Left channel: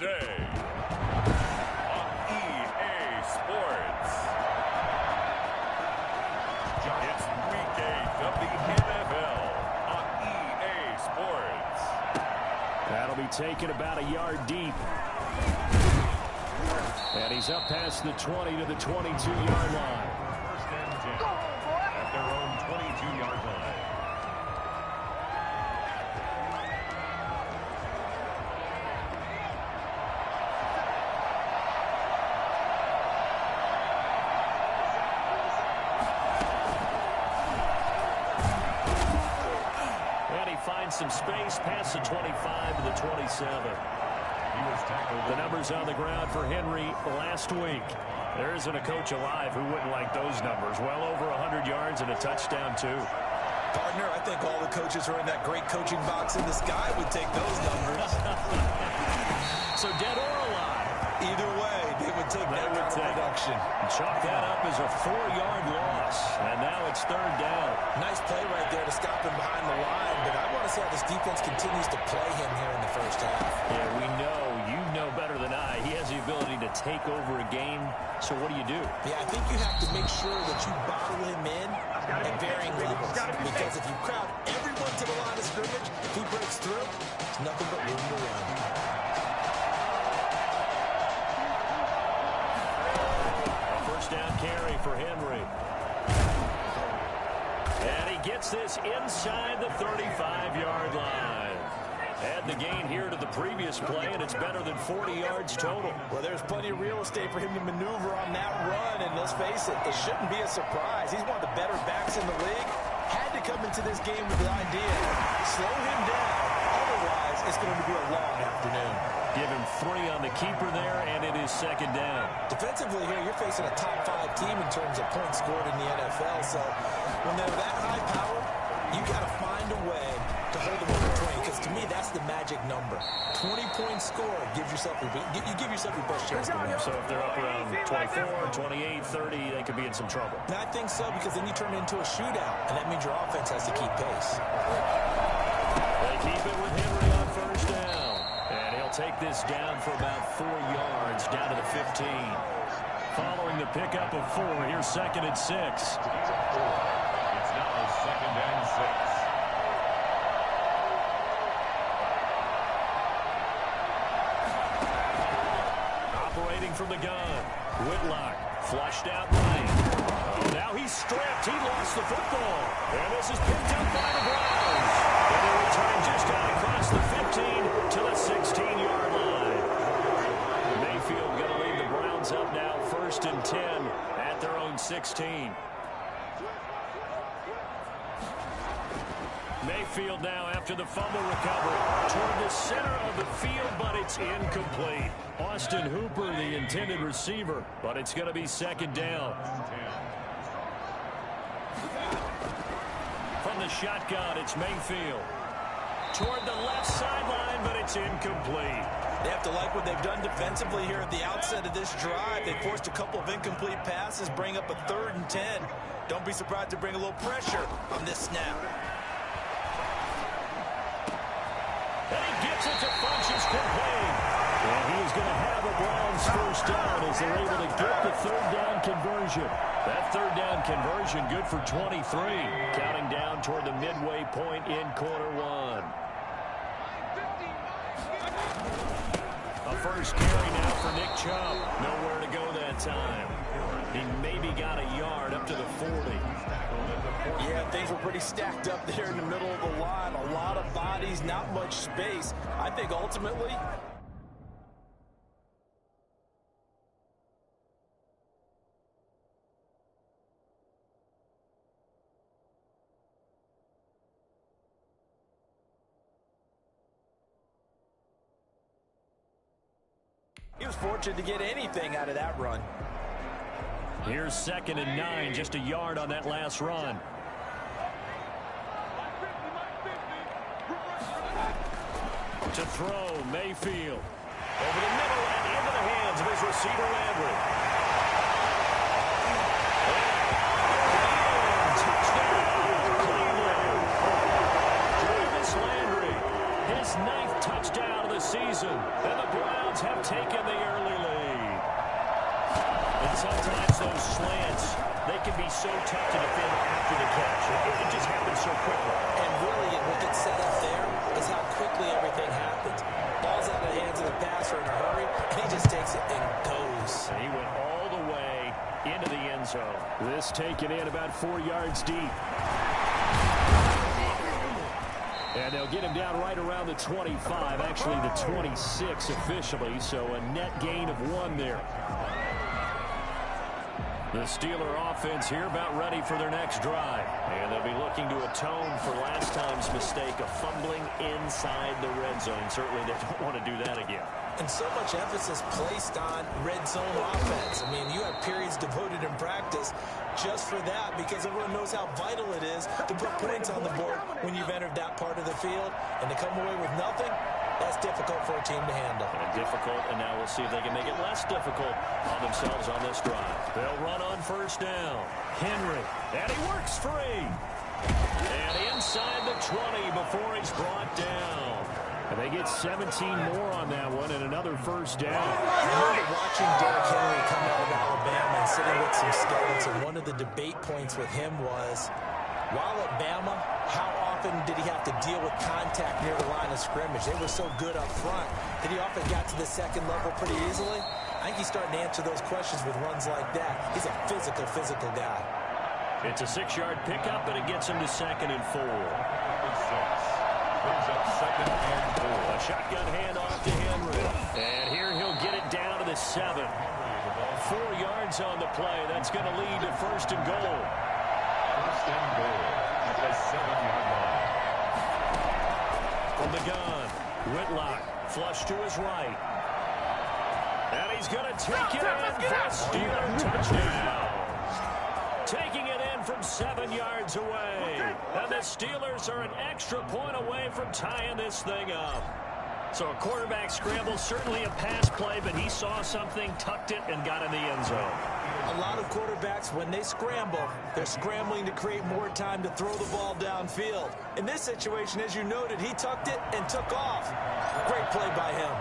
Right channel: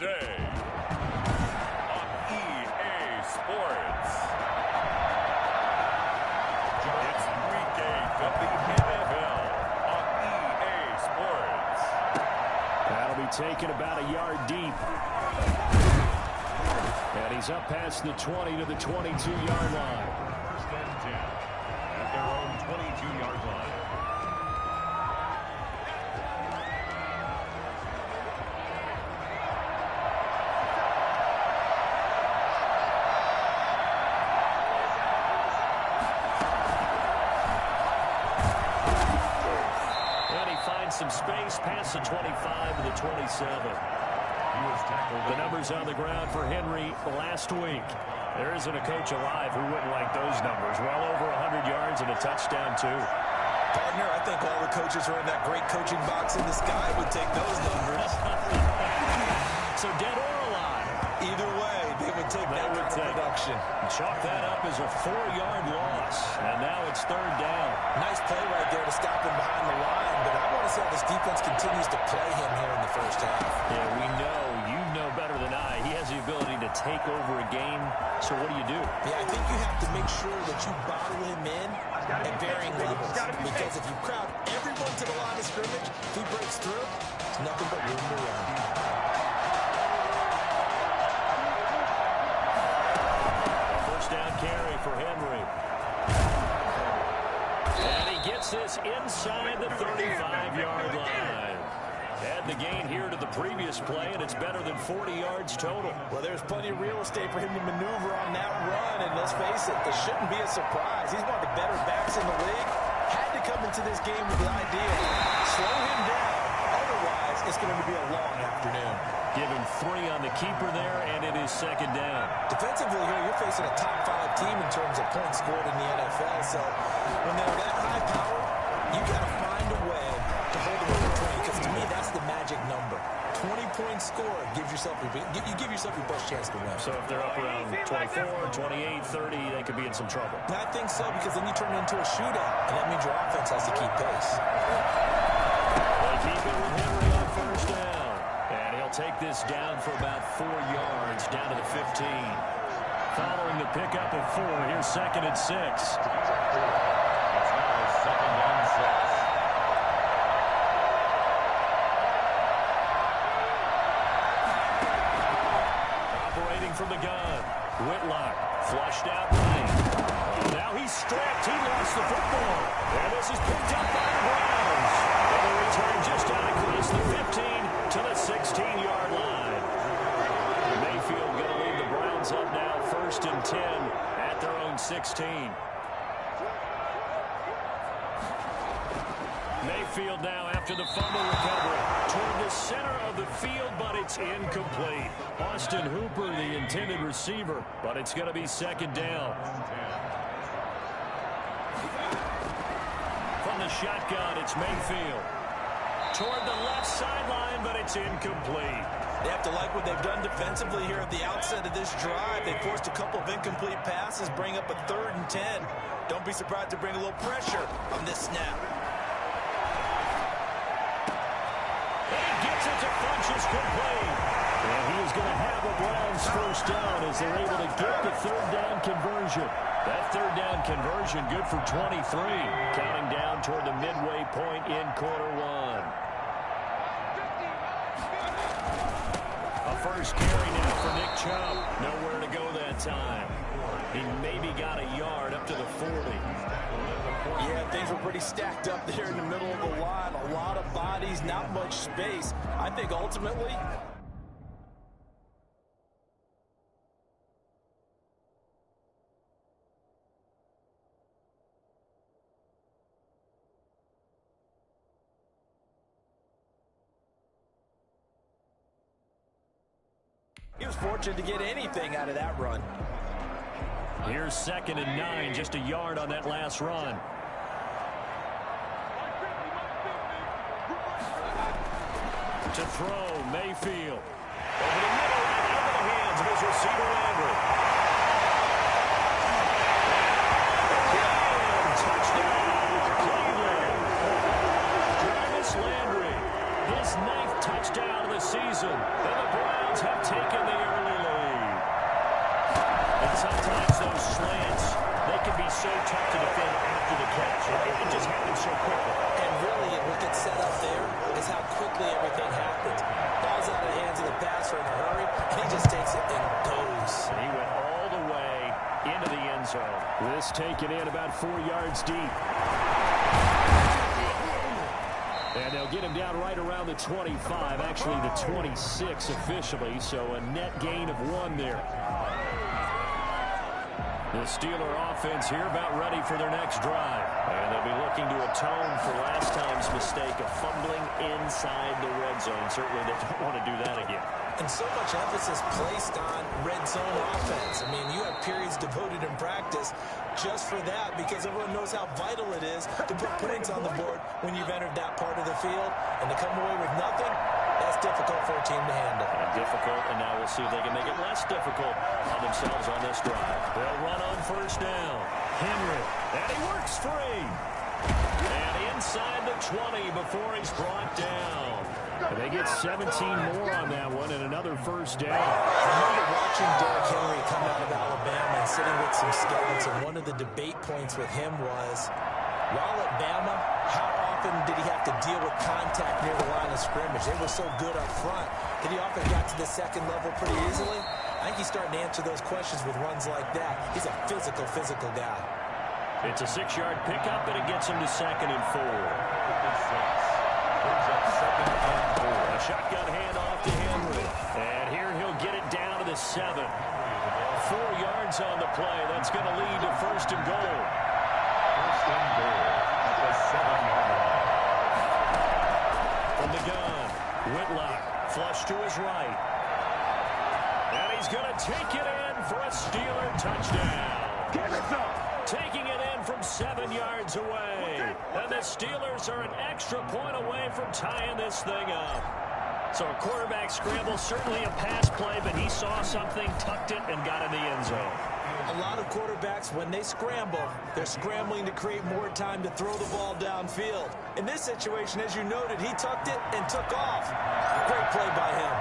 day on EA Sports. It's Week 8 of the NFL on EA Sports. That'll be taken about a yard deep. And he's up past the 20 to the 22-yard line. First and 10 at their own 22-yard line. Some space past the 25 to the 27. He was tackled. The numbers on the ground for Henry last week. There isn't a coach alive who wouldn't like those numbers. Well over 100 yards and a touchdown, too. Partner, I think all the coaches who are in that great coaching box in the sky would take those numbers. So dead or alive? Either way, they would take that kind of production. Chalk that up as a 4-yard loss. And now it's third down. Nice play right there to stop him behind the line. But I want to see how this defense continues to play him here in the first half. Yeah, we know. You know better than I. He has the ability to take over a game. So what do you do? Yeah, I think you have to make sure that you bottle him in at varying levels. Because if you crowd everyone to the line of scrimmage, if he breaks through, it's nothing but room to run. Down carry for Henry. And he gets this inside the 35-yard line. Add the gain here to the previous play, and it's better than 40 yards total. Well, there's plenty of real estate for him to maneuver on that run, and let's face it, it shouldn't be a surprise. He's one of the better backs in the league. Had to come into this game with the idea, slow him down. Otherwise, it's going to be a long afternoon. Give him 3 on the keeper there, and it is second down. Defensively here, you're facing a top-5 team in terms of points scored in the NFL. So when they're that high power, you got to find a way to hold them under 20. Because to me, that's the magic number. 20 points scored gives yourself you give yourself your best chance to win. So if they're up around 24, 28, 30, they could be in some trouble. And I think so, because then you turn it into a shootout, and that means your offense has to keep pace. They keep it with Henry on first down. And he'll take this down for about 4 yards, down to the 15. Following the pickup of 4, here's second and 6. It's now second and 6. Operating from the gun, Whitlock flushed out right. Oh, now he's stripped. He lost the football. And this is picked up by the Browns. And they return just out across the 15 to the 16-yard line. Mayfield going to lead the Browns up now, first and 10 at their own 16. Mayfield now after the fumble recovery toward the center of the field, but it's incomplete. Austin Hooper, the intended receiver, but it's going to be second down. From the shotgun, it's Mayfield. Toward the left sideline, but it's incomplete. They have to like what they've done defensively here at the outset of this drive. They forced a couple of incomplete passes, bring up a 3rd and 10. Don't be surprised to bring a little pressure on this snap. And he gets it to Funchess complete. And he is going to have a Browns first down as they're able to get the 3rd down conversion. That 3rd down conversion good for 23. Counting down toward the midway point in quarter 1. A first carry now for Nick Chubb. Nowhere to go that time. He maybe got a yard up to the 40. Yeah, things were pretty stacked up there in the middle of the line. A lot of bodies, not much space. I think ultimately he was fortunate to get anything out of that run. Here's second and 9, just a yard on that last run. To throw, Mayfield. Over the middle and into the hands of his receiver, Landry. And touchdown, Cleveland. Jarvis Landry, His 9th touchdown of the season. And the Browns have taken the early lead. And sometimes those slants, they can be so tough to defend after the catch. It just happens so quickly. And really, what gets set up there is how quickly everything happens. Ball's out of the hands of the passer in a hurry, and he just takes it and goes. And he went all the way into the end zone. This taken in about 4 yards deep. And they'll get him down right around the 25, actually the 26 officially, so a net gain of 1 there. The Steeler offense here about ready for their next drive. And they'll be looking to atone for last time's mistake of fumbling inside the red zone. Certainly they don't want to do that again. And so much emphasis placed on red zone offense. I mean, you have periods devoted in practice just for that because everyone knows how vital it is to put points on the board when you've entered that part of the field. And to come away with nothing, that's difficult for a team to handle. And difficult, and now we'll see if they can make it less difficult on themselves on this drive. They'll run on first down. Henry, and he works free. And inside the 20 before he's brought down. And they get 17 more on that one and another first down. I remember watching Derrick Henry come out of Alabama and sitting with some scouts, and one of the debate points with him was, while at Bama, how often did he have to deal with contact near the line of scrimmage? They were so good up front that he often got to the second level pretty easily. I think he's starting to answer those questions with runs like that. He's a physical guy. It's a 6-yard pickup, and it gets him to 2nd and 4. Brings up 2nd and 4. A shotgun handoff to Henry. And here he'll get it down to the 7. 4 yards on the play. That's going to lead to 1st and goal. 1st and goal at the 7-yard line. From the gun, Whitlock, flush to his right. And he's going to take it in for a Steeler touchdown. Taking it in from 7 yards away. And the Steelers are an extra point away from tying this thing up. So a quarterback scramble, certainly a pass play, but he saw something, tucked it, and got in the end zone. A lot of quarterbacks, when they scramble, they're scrambling to create more time to throw the ball downfield. In this situation, as you noted, he tucked it and took off. Great play by him.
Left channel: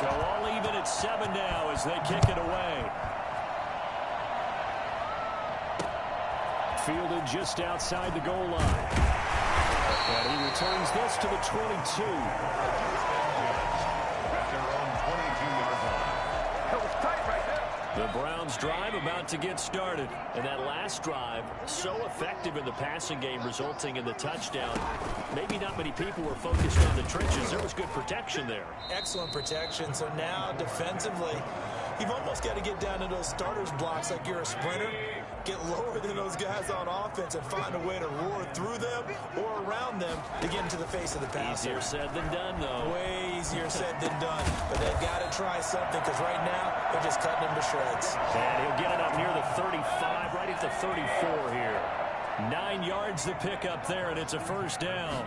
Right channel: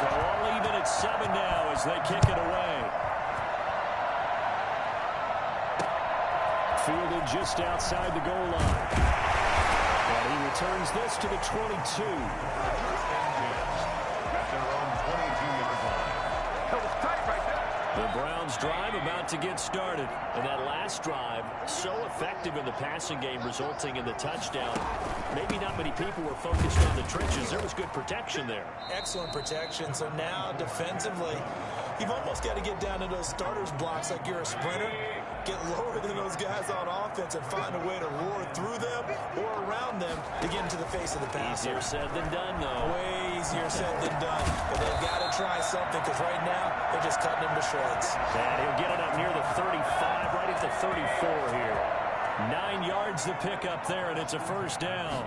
So all even at 7 now as they kick it away. Fielded just outside the goal line. And he returns this to the 22. At their own 22-yard line. That was tight right there. The Browns drive about to get started. And that last drive, so effective in the passing game, resulting in the touchdown. Maybe not many people were focused on the trenches. There was good protection there. Excellent protection. So now, defensively, you've almost got to get down to those starters blocks like you're a sprinter. Get lower than those guys on offense and find a way to roar through them or around them to get into the face of the passer. Easier said than done, though. Way easier said than done. But they've got to try something because right now they're just cutting them to shreds. And he'll get it up near the 35, right at the 34 here. 9 yards to pick up there, and it's a first down.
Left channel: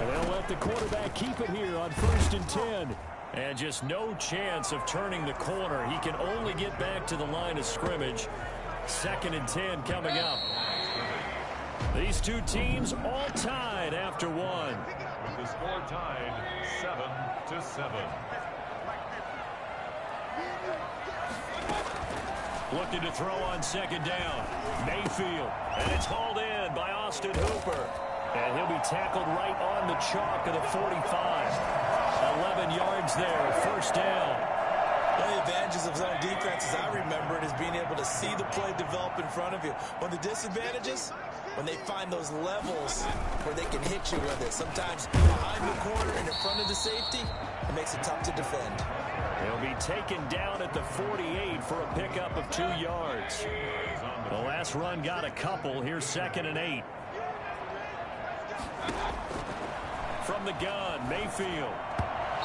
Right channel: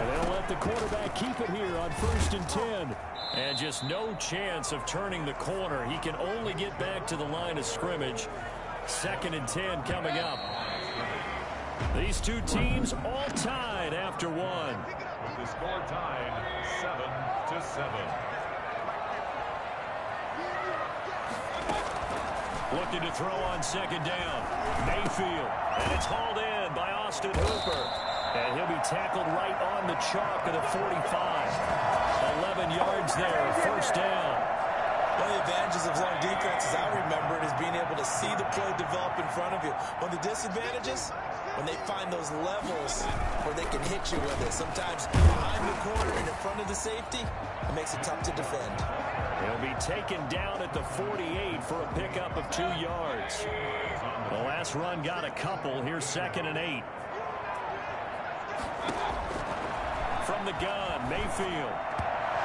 And they'll let the quarterback keep it here on 1st and 10. And just no chance of turning the corner. He can only get back to the line of scrimmage. 2nd and 10 coming up. These two teams all tied after 1. With the score tied 7-7. Looking to throw on 2nd down. Mayfield. And it's hauled in by Austin Hooper. And he'll be tackled right on the chalk of the 45. 11 yards there, first down. One of the advantages of zone defense, as I remember it, is being able to see the play develop in front of you. One of the disadvantages, when they find those levels where they can hit you with it. Sometimes behind the corner and in front of the safety, it makes it tough to defend. He'll be taken down at the 48 for a pickup of 2 yards. The last run got a couple. Here's 2nd and 8. From the gun, Mayfield.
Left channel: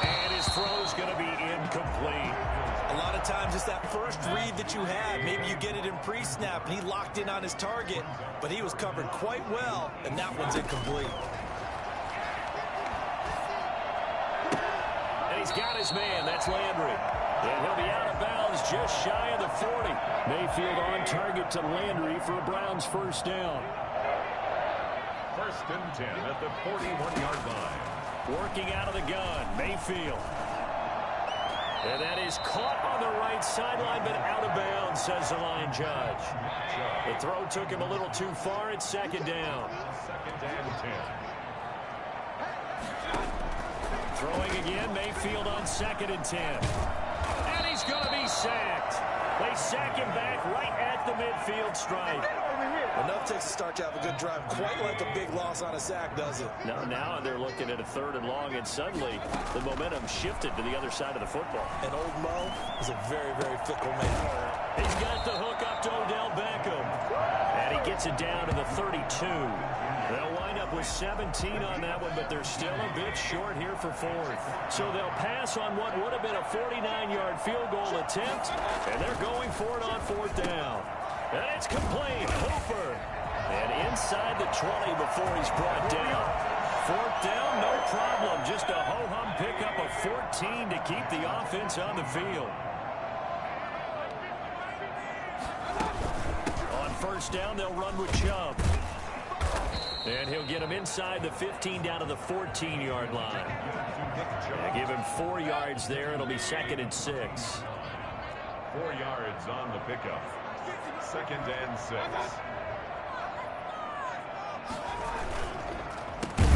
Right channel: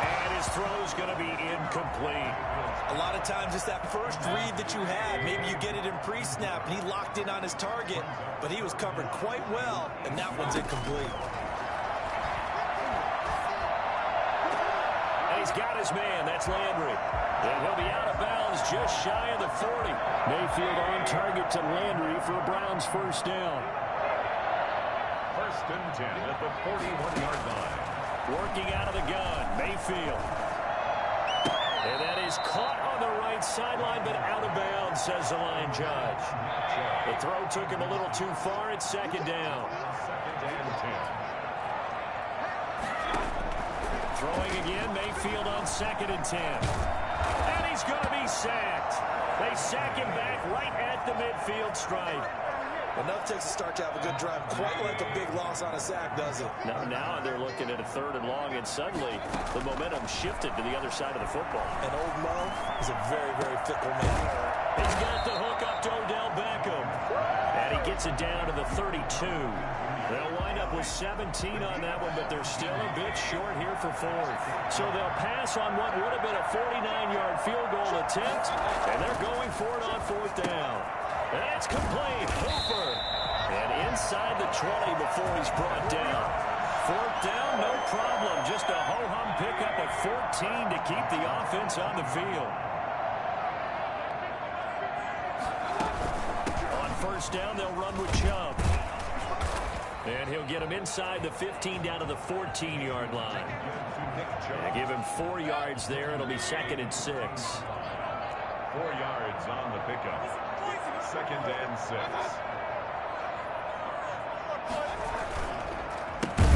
And his throw's going to be incomplete. A lot of times it's that first read that you have. Maybe you get it in pre-snap and he locked in on his target, but he was covered quite well, and that one's incomplete. And he's got his man. That's Landry. And he'll be out of bounds just shy of the 40. Mayfield on target to Landry for a Browns first down. 1st and 10 at the 41-yard line. Working out of the gun, Mayfield. And that is caught on the right sideline, but out of bounds, says the line judge. The throw took him a little too far. It's second down. Second and 10. Throwing again, Mayfield on 2nd and 10. And he's going to be sacked. They sack him back right at the midfield stripe. Enough takes a start to have a good drive. Quite like a big loss on a sack, does it? Now they're looking at a 3rd and long, and suddenly the momentum shifted to the other side of the football. And old Mo is a very, very fickle man. He's got the hook up to Odell Beckham. And he gets it down to the 32. They'll wind up with 17 on that one, but they're still a bit short here for 4th. So they'll pass on what would have been a 49-yard field goal attempt, and they're going for it on 4th down. And it's complete. Hooper. And inside the 20 before he's brought down. 4th down, no problem. Just a ho-hum pickup of 14 to keep the offense on the field. On 1st down, they'll run with Chubb. And he'll get him inside the 15 down to the 14-yard line. And give him 4 yards there. It'll be 2nd and 6. 4 yards on the pickup. 2nd and 6.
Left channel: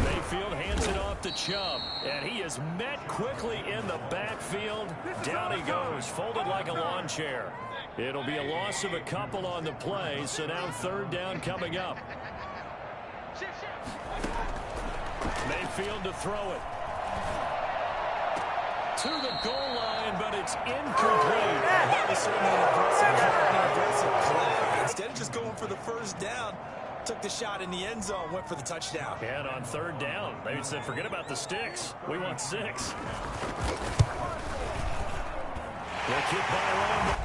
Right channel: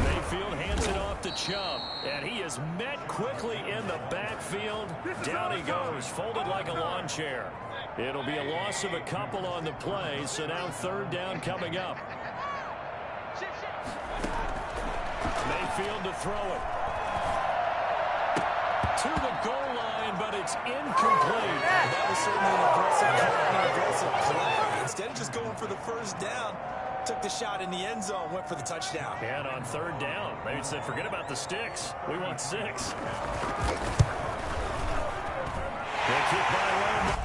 Mayfield hands it off to Chubb. And he is met quickly in the backfield. Down he goes, folded like a lawn chair. It'll be a loss of a couple on the play, so now 3rd down coming up. Mayfield to throw it. To the goal line, but it's incomplete. That was certainly an aggressive play. Instead of just going for the 1st down, took the shot in the end zone, went for the touchdown. And on 3rd down, they said, forget about the sticks. We want 6. The kick by Lamb.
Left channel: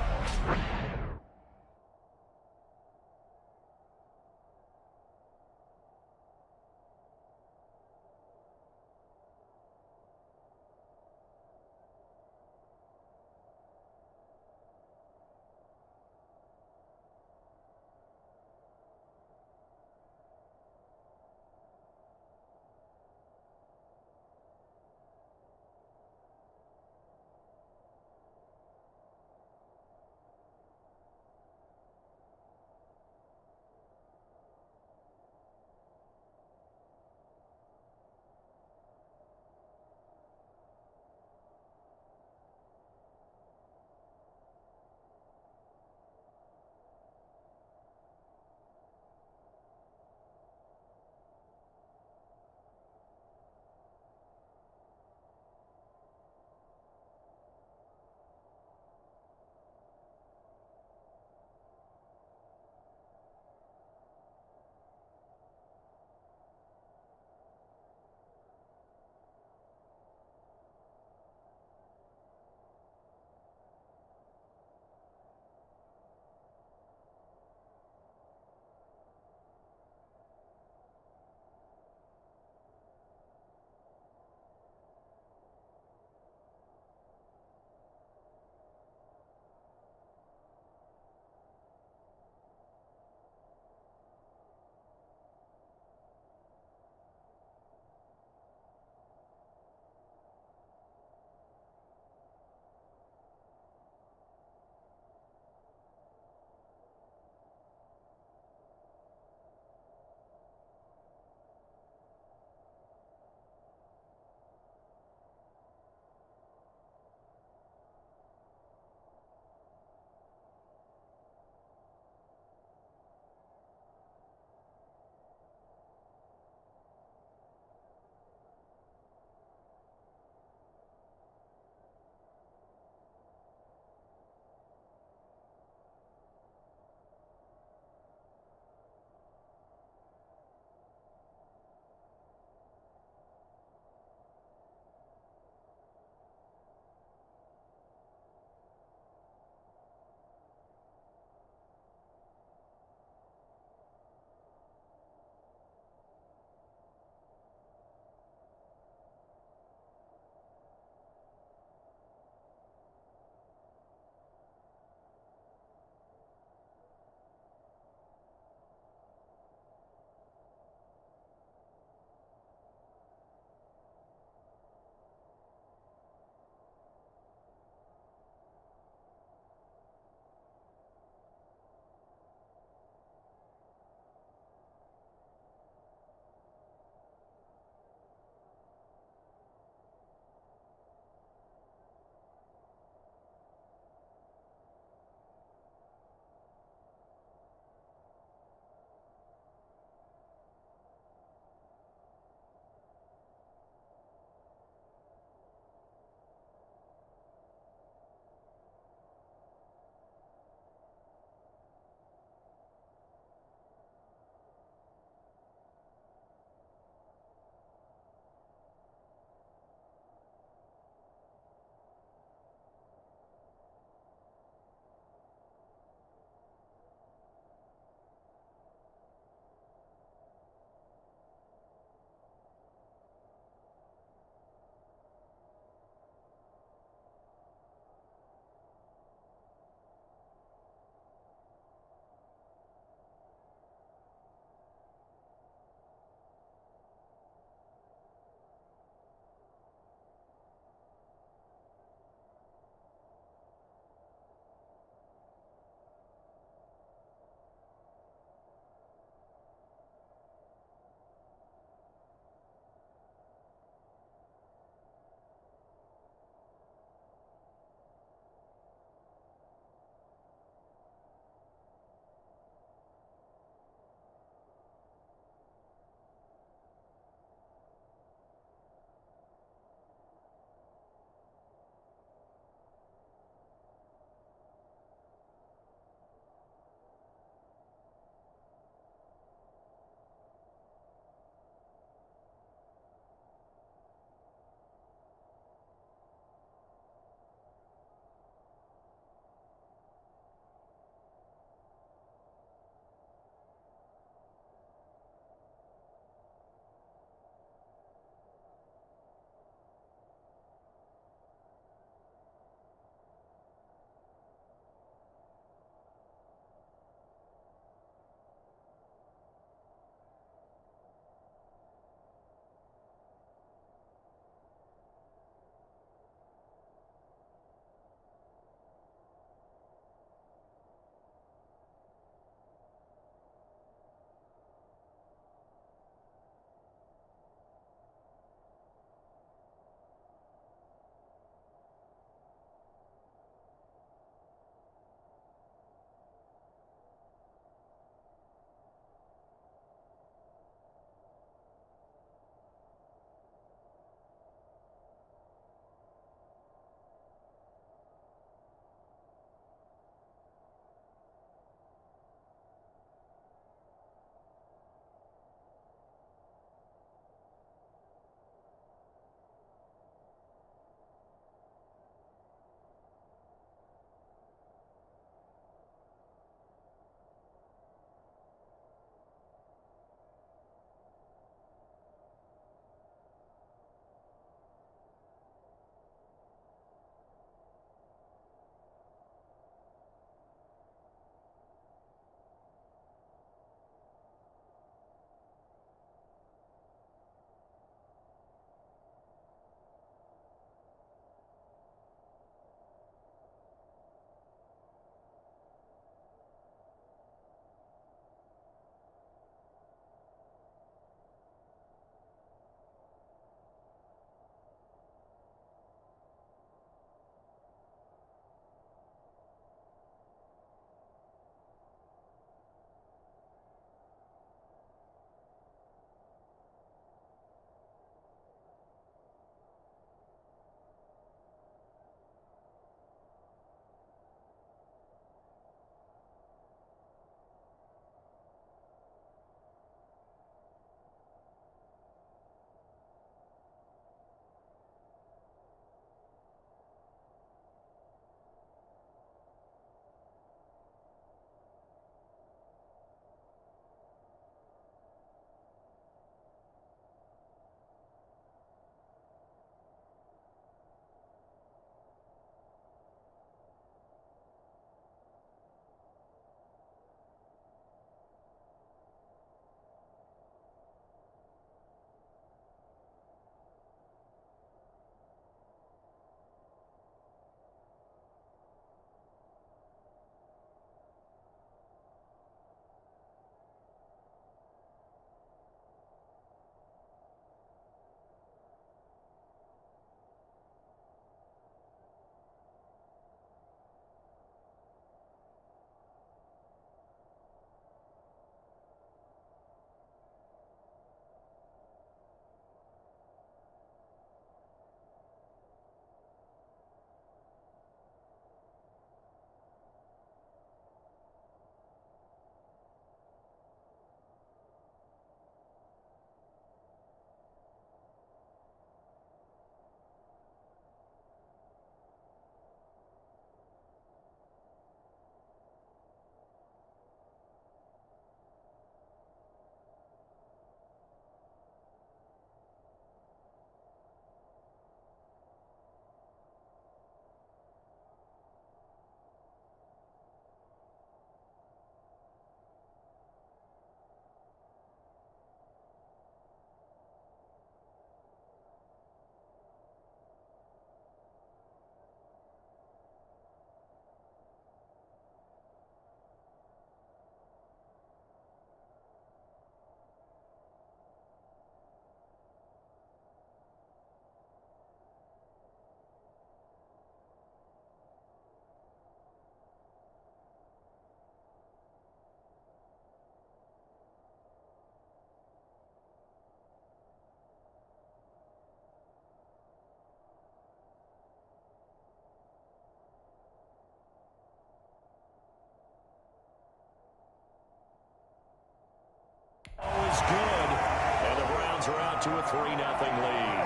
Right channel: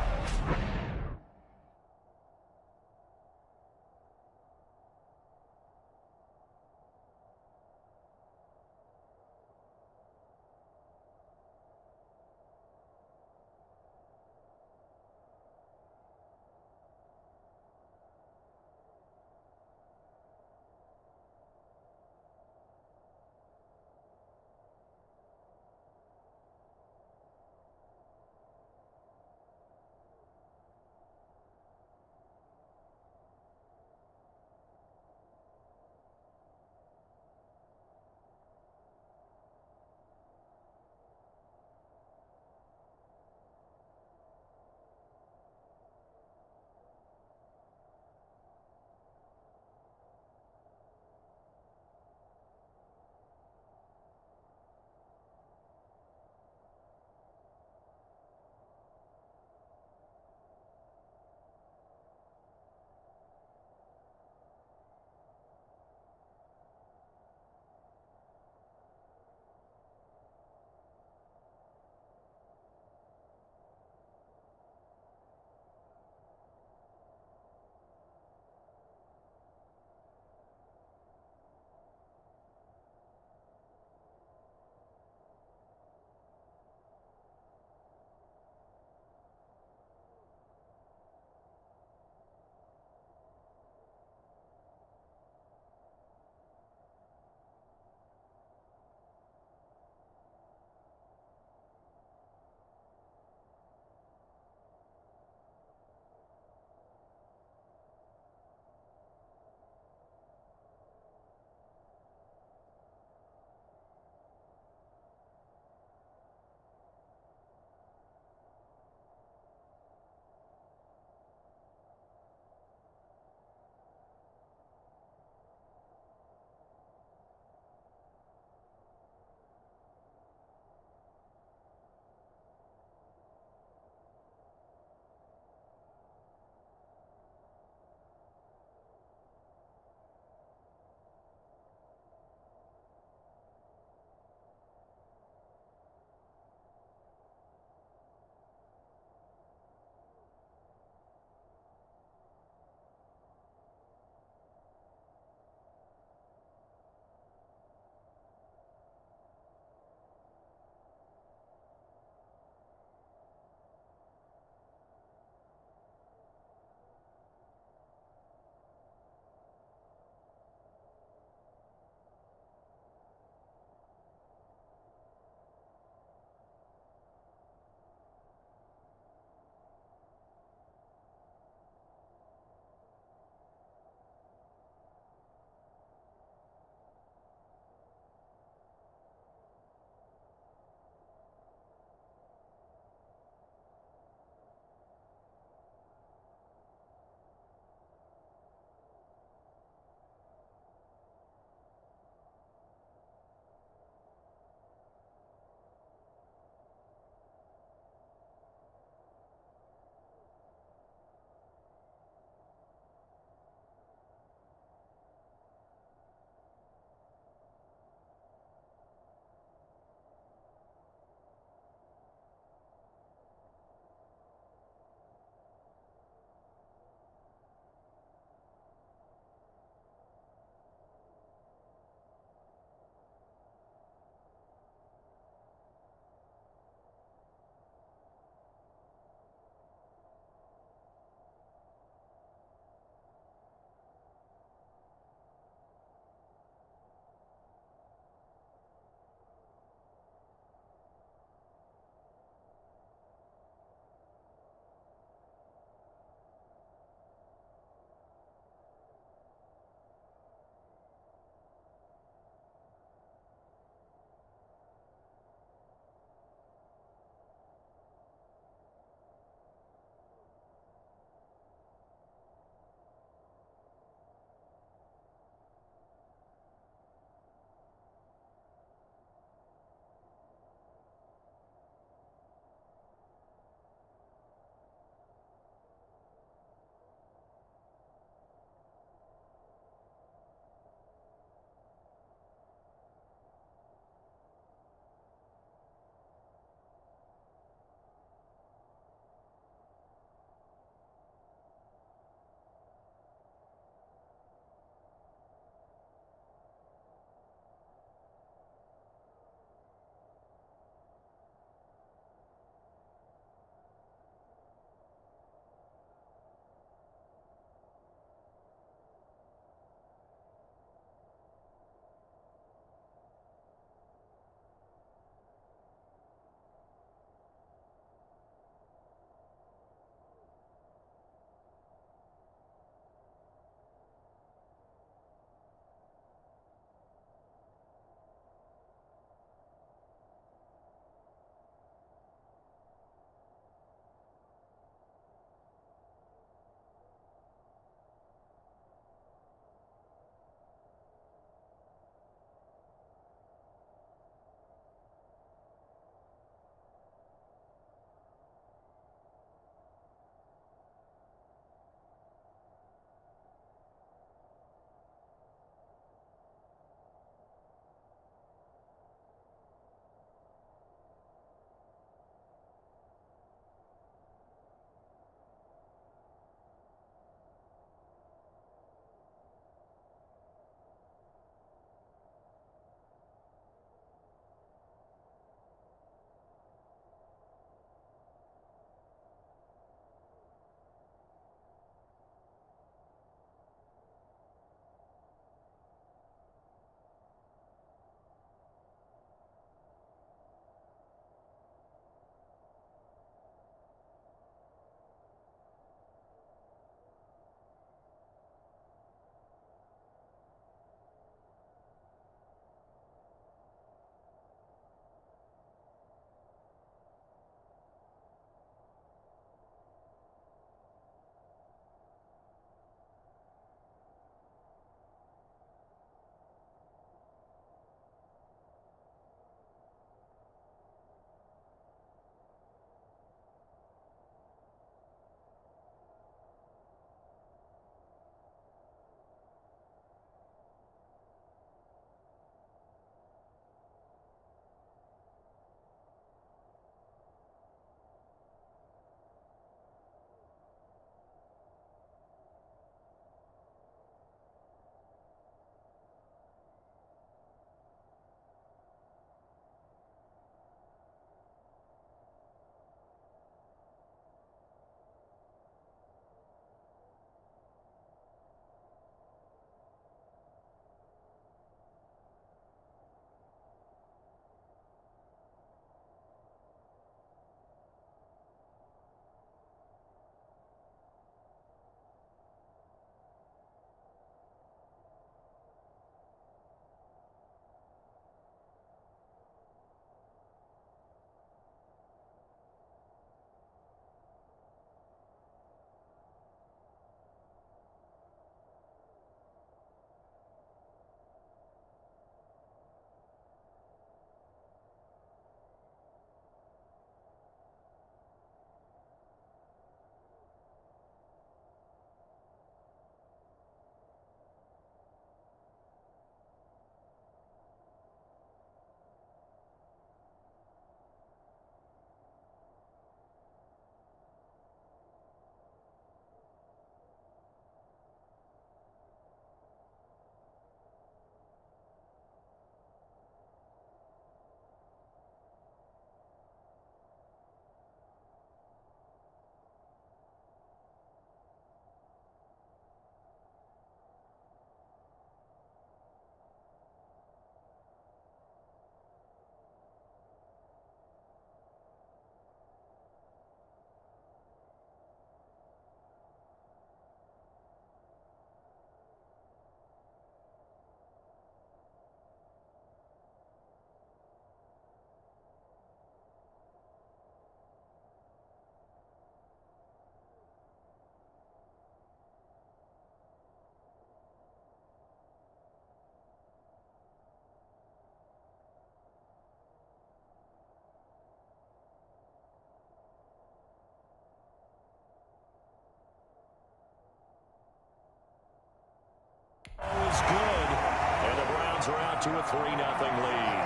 out to a 3-0 lead.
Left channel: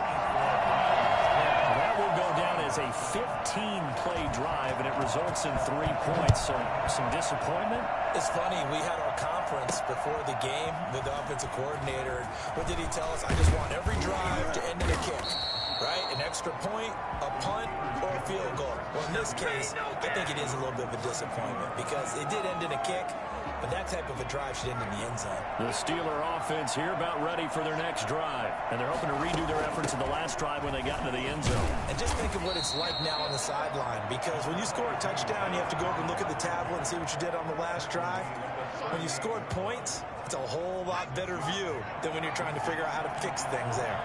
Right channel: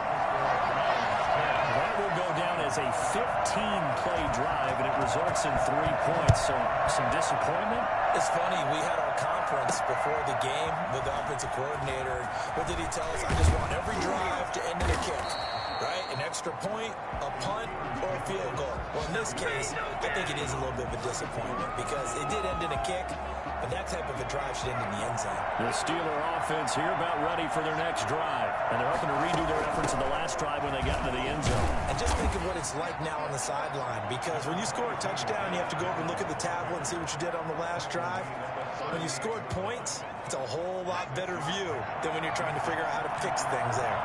That will go down as a 15-play drive, and it results in 3 points. So some disappointment. It's funny, we had our conference before the game with the offensive coordinator. What did he tell us? I just want every drive to end in a kick, right? An extra point, a punt, or a field goal. Well, in this case, I think it is a little bit of a disappointment because it did end in a kick, but that type of a drive should end in the end zone. The Steeler offense here about ready for their next drive. And they're hoping to redo their efforts in the last drive when they got into the end zone. And just think of what it's like now on the sideline, because when you score a touchdown, you have to go over and look at the tablet and see what you did on the last drive. When you scored points, it's a whole lot better view than when you're trying to figure out how to fix things there.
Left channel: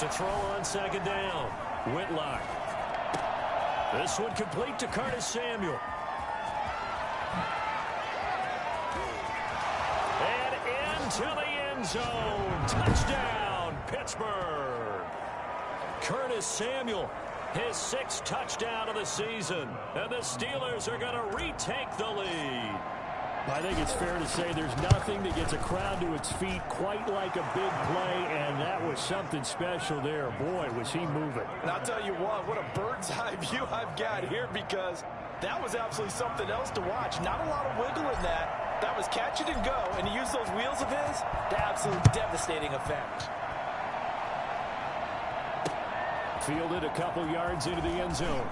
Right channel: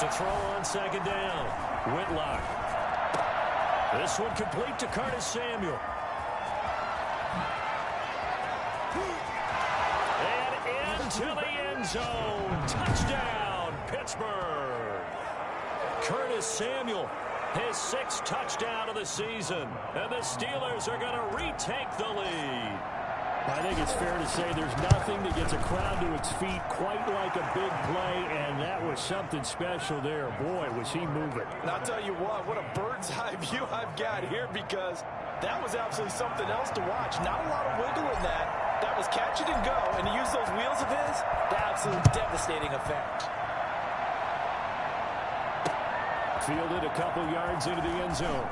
To throw on second down, Whitlock. This one complete to Curtis Samuel. And into the end zone. Touchdown, Pittsburgh. Curtis Samuel, his 6th touchdown of the season. And the Steelers are going to retake the lead. I think it's fair to say there's nothing that gets a crowd to its feet quite like a big play, and that was something special there. Boy, was he moving. And I'll tell you what a bird's eye view I've got here, because that was absolutely something else to watch. Not a lot of wiggle in that. That was catch it and go, and to use those wheels of his, the absolute devastating effect. Fielded a couple yards into the end zone.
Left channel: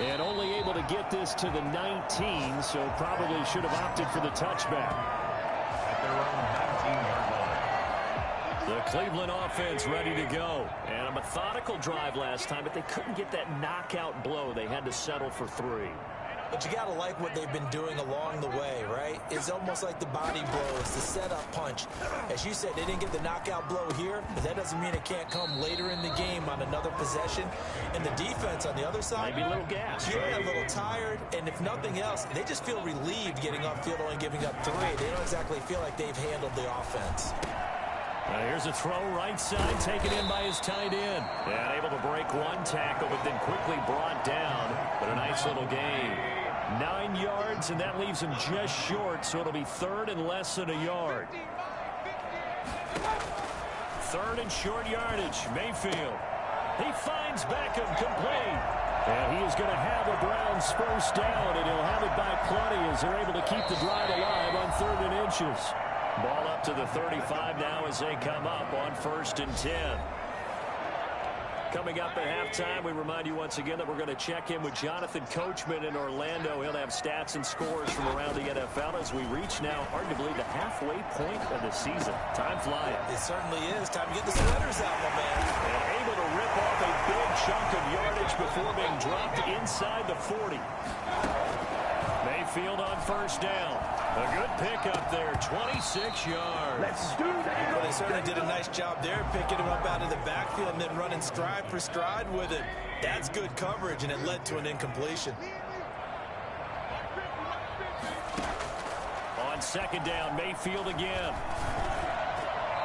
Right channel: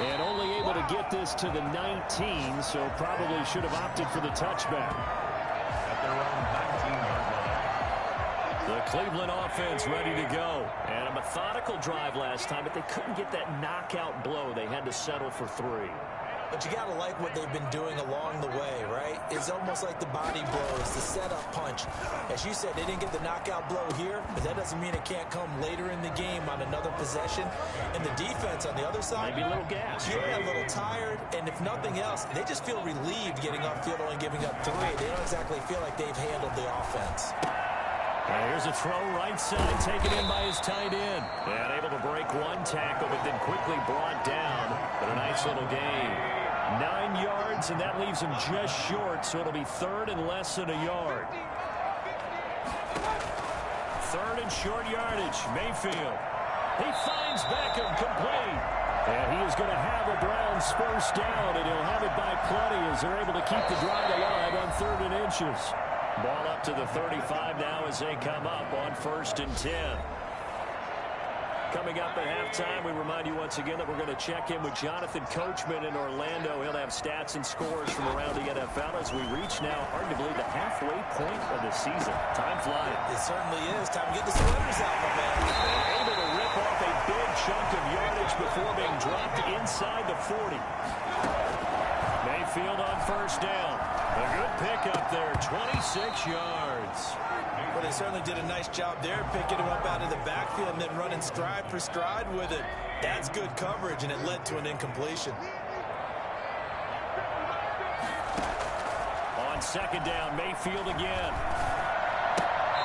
And only able to get this to the 19, so probably should have opted for the touchback. At their own 19-yard line. The Cleveland offense ready to go. And a methodical drive last time, but they couldn't get that knockout blow. They had to settle for 3. But you got to like what they've been doing along the way, right? It's almost like the body blows, the setup punch. As you said, they didn't get the knockout blow here, but that doesn't mean it can't come later in the game on another possession. And the defense on the other side, Maybe a little gas. Yeah, a little tired. And if nothing else, they just feel relieved getting off field only giving up 3. They don't exactly feel like they've handled the offense. Here's a throw right side, taken in by his tight end. And able to break one tackle, but then quickly brought down. But a nice little gain. 9 yards, and that leaves him just short, so it'll be 3rd and less than a yard. 3rd and short yardage. Mayfield. He finds Beckham complete. And he is going to have a Browns first down, and he'll have it by plenty as they're able to keep the drive alive on 3rd and inches. Ball up to the 35 now as they come up on 1st and 10. Coming up at halftime, we remind you once again that we're going to check in with Jonathan Coachman in Orlando. He'll have stats and scores from around the NFL as we reach now arguably the halfway point of the season. Time flying. It certainly is. Time to get the sweaters out, my man. And able to rip off a big chunk of yardage before being dropped inside the 40. Mayfield on first down. A good pickup there, 26 yards. Well, they certainly did a nice job there, picking him up out of the backfield and then running stride for stride with it. That's good coverage, and it led to an incompletion. On second down, Mayfield again.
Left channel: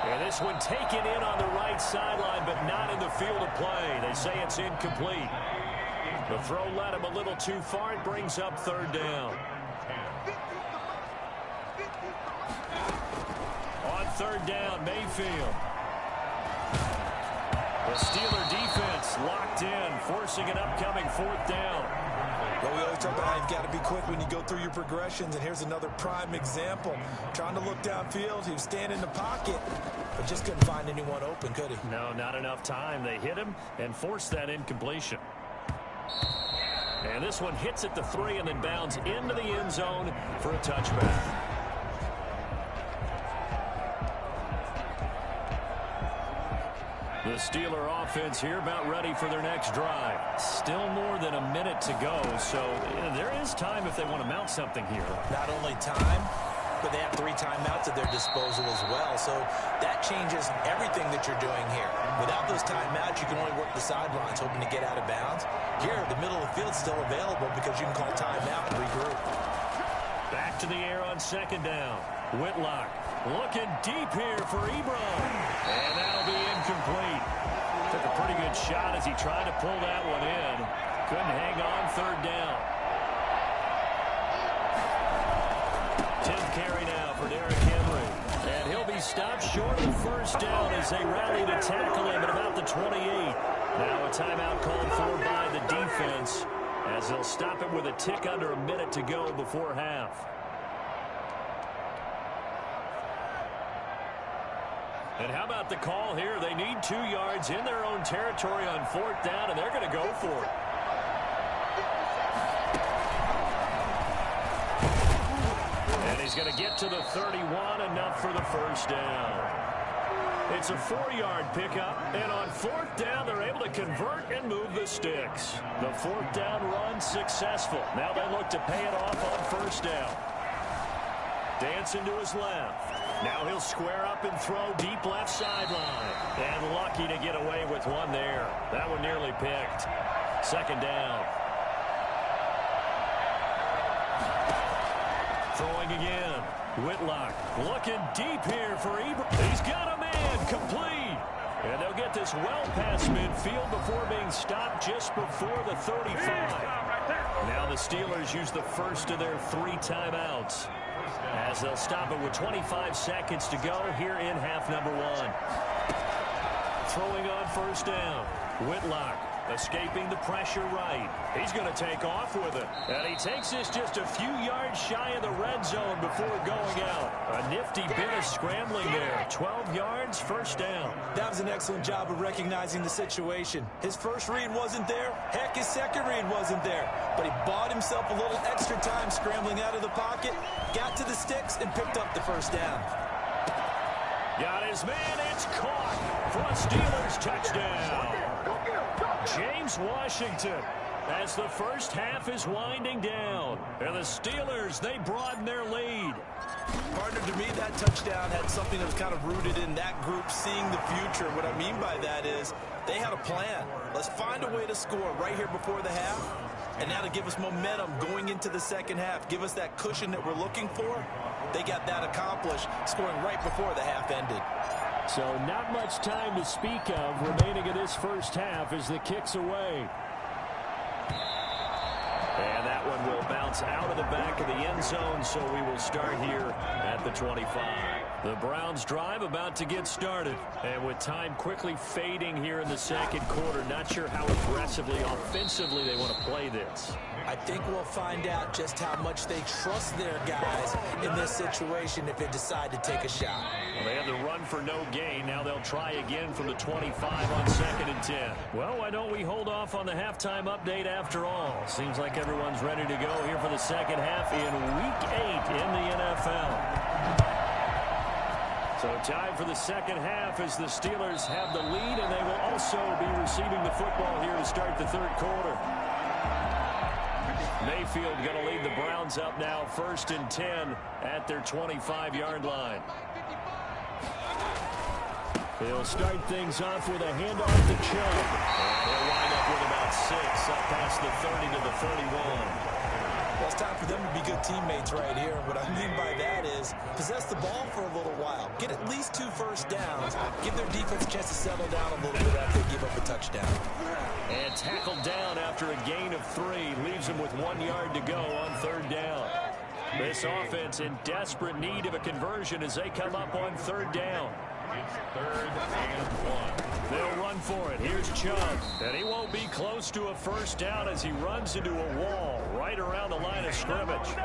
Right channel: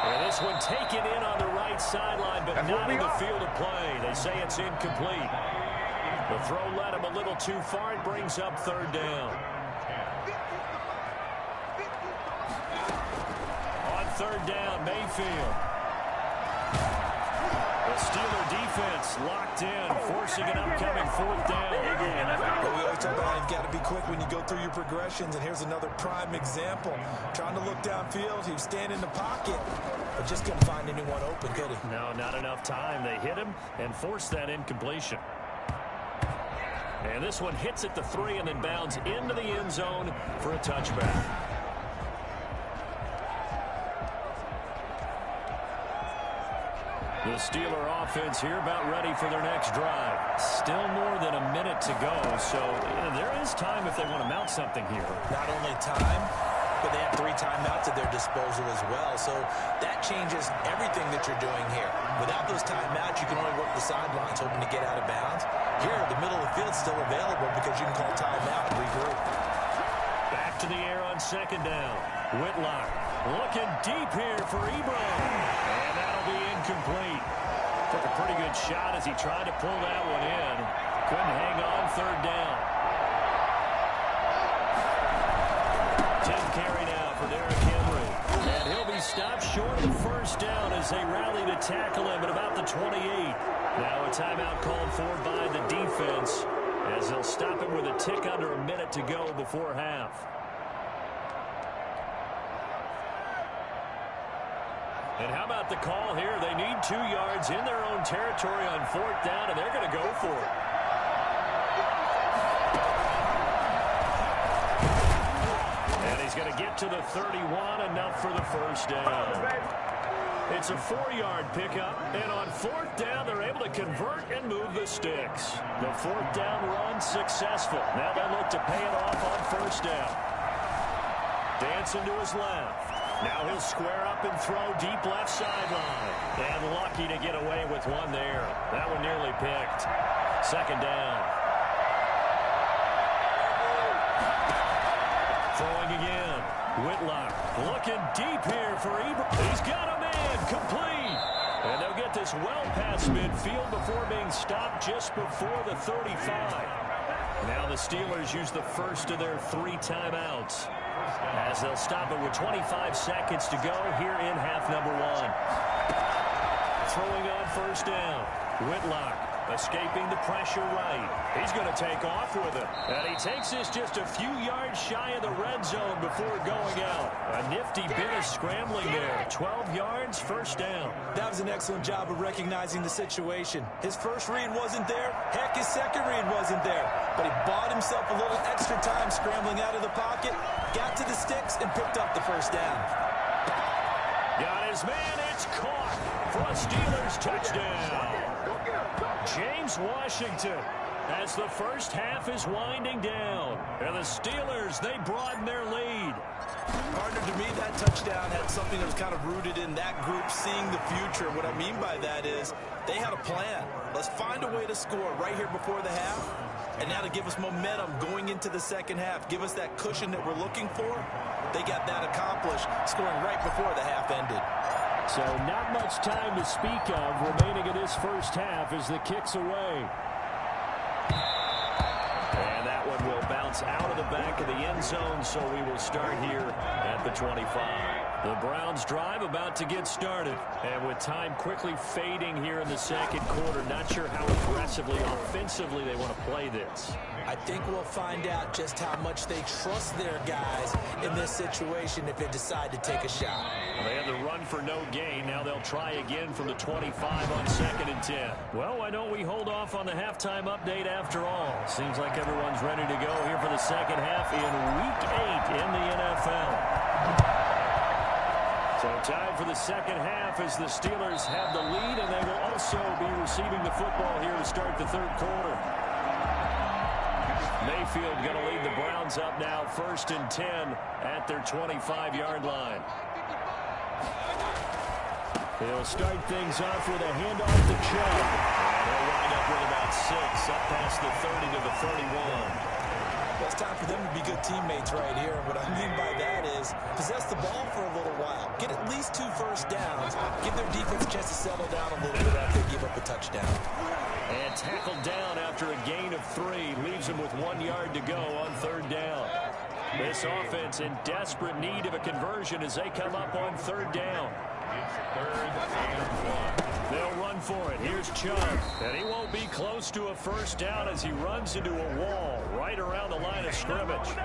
And this one taken in on the right sideline, but not in the field of play. They say it's incomplete. The throw led him a little too far. It brings up 3rd down. On 3rd down, Mayfield. The Steeler defense locked in, forcing an upcoming 4th down. Well, we always talk about how you've got to be quick when you go through your progressions, and here's another prime example. Trying to look downfield, he was standing in the pocket, but just couldn't find anyone open, could he? No, not enough time. They hit him and forced that incompletion. And this one hits at the 3 and then bounds into the end zone for a touchback. The Steeler offense here about ready for their next drive. Still more than a minute to go, so there is time if they want to mount something here. Not only time, but they have 3 timeouts at their disposal as well, so that changes everything that you're doing here. Without those timeouts, you can only work the sidelines, hoping to get out of bounds. Here, the middle of the field's still available because you can call timeout and regroup. Back to the air on second down. Whitlock looking deep here for Ebron. And that'll be incomplete. Took a pretty good shot as he tried to pull that one in. Couldn't hang on 3rd down. 10th carry now for Derek stopped short of the first down as they rally to tackle him at about the 28. Now a timeout called for by the defense as they'll stop him with a tick under a minute to go before half. And how about the call here? They need 2 yards in their own territory on 4th down, and they're going to go for it. And he's going to get to the 31, enough for the first down. It's a 4-yard pickup, and on 4th down, they're able to convert and move the sticks. The 4th down run successful. Now they look to pay it off on 1st down. Dancing to his left. Now he'll square up and throw deep left sideline. And lucky to get away with one there. That one nearly picked. 2nd down. Throwing again. Whitlock looking deep here for Ebron. He's got a man complete. And they'll get this well past midfield before being stopped just before the 35. Now the Steelers use the first of their 3 timeouts as they'll stop it with 25 seconds to go here in half number 1. Throwing on 1st down. Whitlock escaping the pressure right. He's going to take off with it. And he takes this just a few yards shy of the red zone before going out. A nifty bit of scrambling there. 12 yards, 1st down. That was an excellent job of recognizing the situation. His first read wasn't there. Heck, his second read wasn't there. But he bought himself a little extra time scrambling out of the pocket, got to the sticks, and picked up the 1st down. Got his man. It's caught for a Steelers touchdown. James Washington, as the first half is winding down. And the Steelers, they broaden their lead. Partner, to me, that touchdown had something that was kind of rooted in that group seeing the future. What I mean by that is they had a plan. Let's find a way to score right here before the half. And now to give us momentum going into the second half, give us that cushion that we're looking for. They got that accomplished, scoring right before the half ended. So not much time to speak of remaining in this first half as the kick's away. And that one will bounce out of the back of the end zone, so we will start here at the 25. The Browns drive about to get started. And with time quickly fading here in the second quarter, not sure how aggressively, offensively they want to play this. I think we'll find out just how much they trust their guys in this situation if they decide to take a shot. Well, they had the run for no gain. Now they'll try again from the 25 on 2nd and 10. Well, why don't we hold off on the halftime update after all? Seems like everyone's ready to go here for the second half in Week 8 in the NFL. So time for the second half as the Steelers have the lead, and they will also be receiving the football here to start the third quarter. Mayfield going to lead the Browns up now, 1st and 10 at their 25-yard line. He'll start things off with a handoff to Chubb. And he'll wind up with about 6 up past the 30 to the 31. Well, it's time for them to be good teammates right here. What I mean by that is possess the ball for a little while. Get at least 2 first downs. Give their defense a chance to settle down a little bit after they give up a touchdown. And tackled down after a gain of 3. Leaves him with 1 yard to go on 3rd down. This offense in desperate need of a conversion as they come up on 3rd down. It's 3rd and 1. They'll run for it. Here's Chubb. And he won't be close to a first down as he runs into a wall right around the line of scrimmage.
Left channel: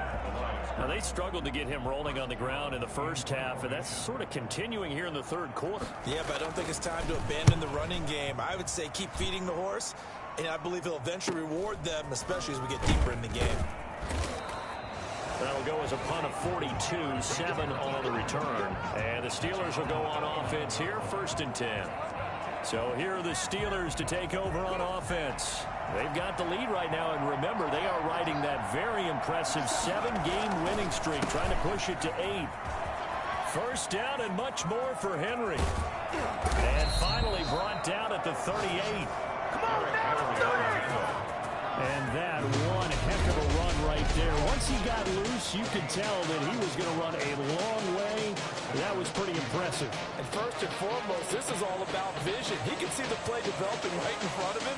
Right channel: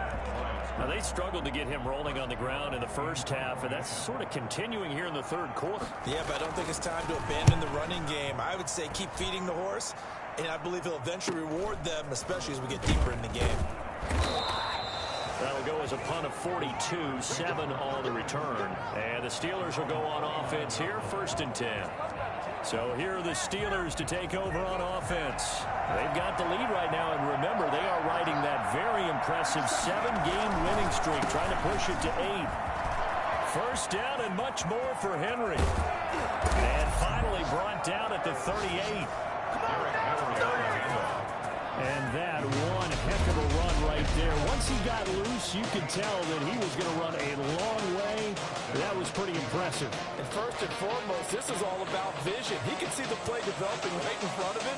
Now, they struggled to get him rolling on the ground in the first half, and that's sort of continuing here in the third quarter. Yeah, but I don't think it's time to abandon the running game. I would say keep feeding the horse, and I believe he'll eventually reward them, especially as we get deeper in the game. That'll go as a punt of 42, 7 on the return. And the Steelers will go on offense here, 1st and 10. So here are the Steelers to take over on offense. They've got the lead right now, and remember, they are riding that very impressive 7-game winning streak, trying to push it to 8. First down and much more for Henry. And finally brought down at the 38. And that one heck of a run right there. Once he got loose, you could tell that he was going to run a long way. That was pretty impressive. And first and foremost, this is all about vision. He can see the play developing right in front of him.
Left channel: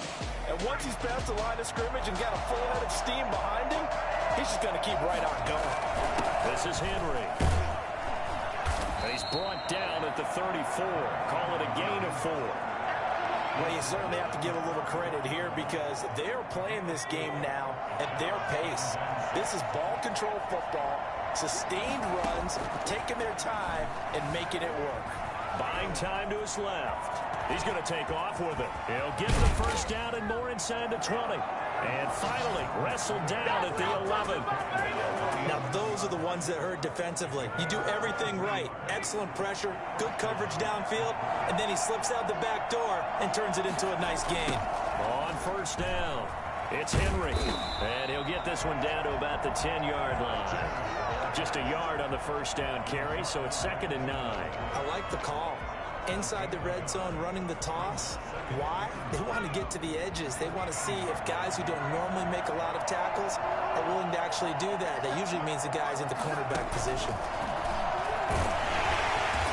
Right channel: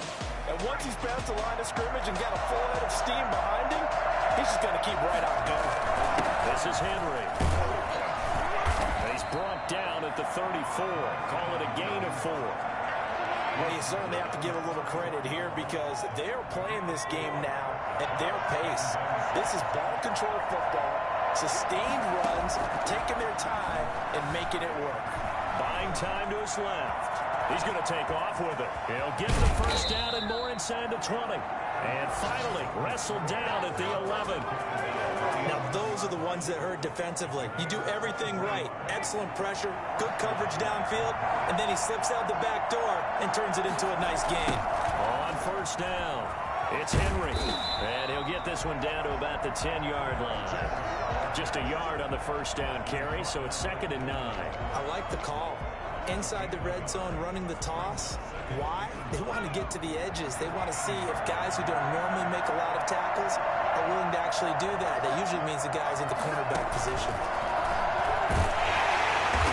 And once he's past the line of scrimmage and got a full head of steam behind him, he's just going to keep right on going. This is Henry. And he's brought down at the 34. Call it a gain of 4. Well, you certainly have to give a little credit here because they're playing this game now at their pace. This is ball control football, sustained runs, taking their time and making it work. Buying time to his left. He's going to take off with it. He'll get the first down and more inside the 20. And finally, wrestled down at the 11. Now, those are the ones that hurt defensively. You do everything right. Excellent pressure, good coverage downfield, and then he slips out the back door and turns it into a nice gain. On first down, it's Henry. And he'll get this one down to about the 10-yard line. Just a yard on the first down carry, so it's 2nd and 9. I like the call. Inside the red zone, running the toss. Why? They want to get to the edges. They want to see if guys who don't normally make a lot of tackles are willing to actually do that. That usually means the guy's in the cornerback position.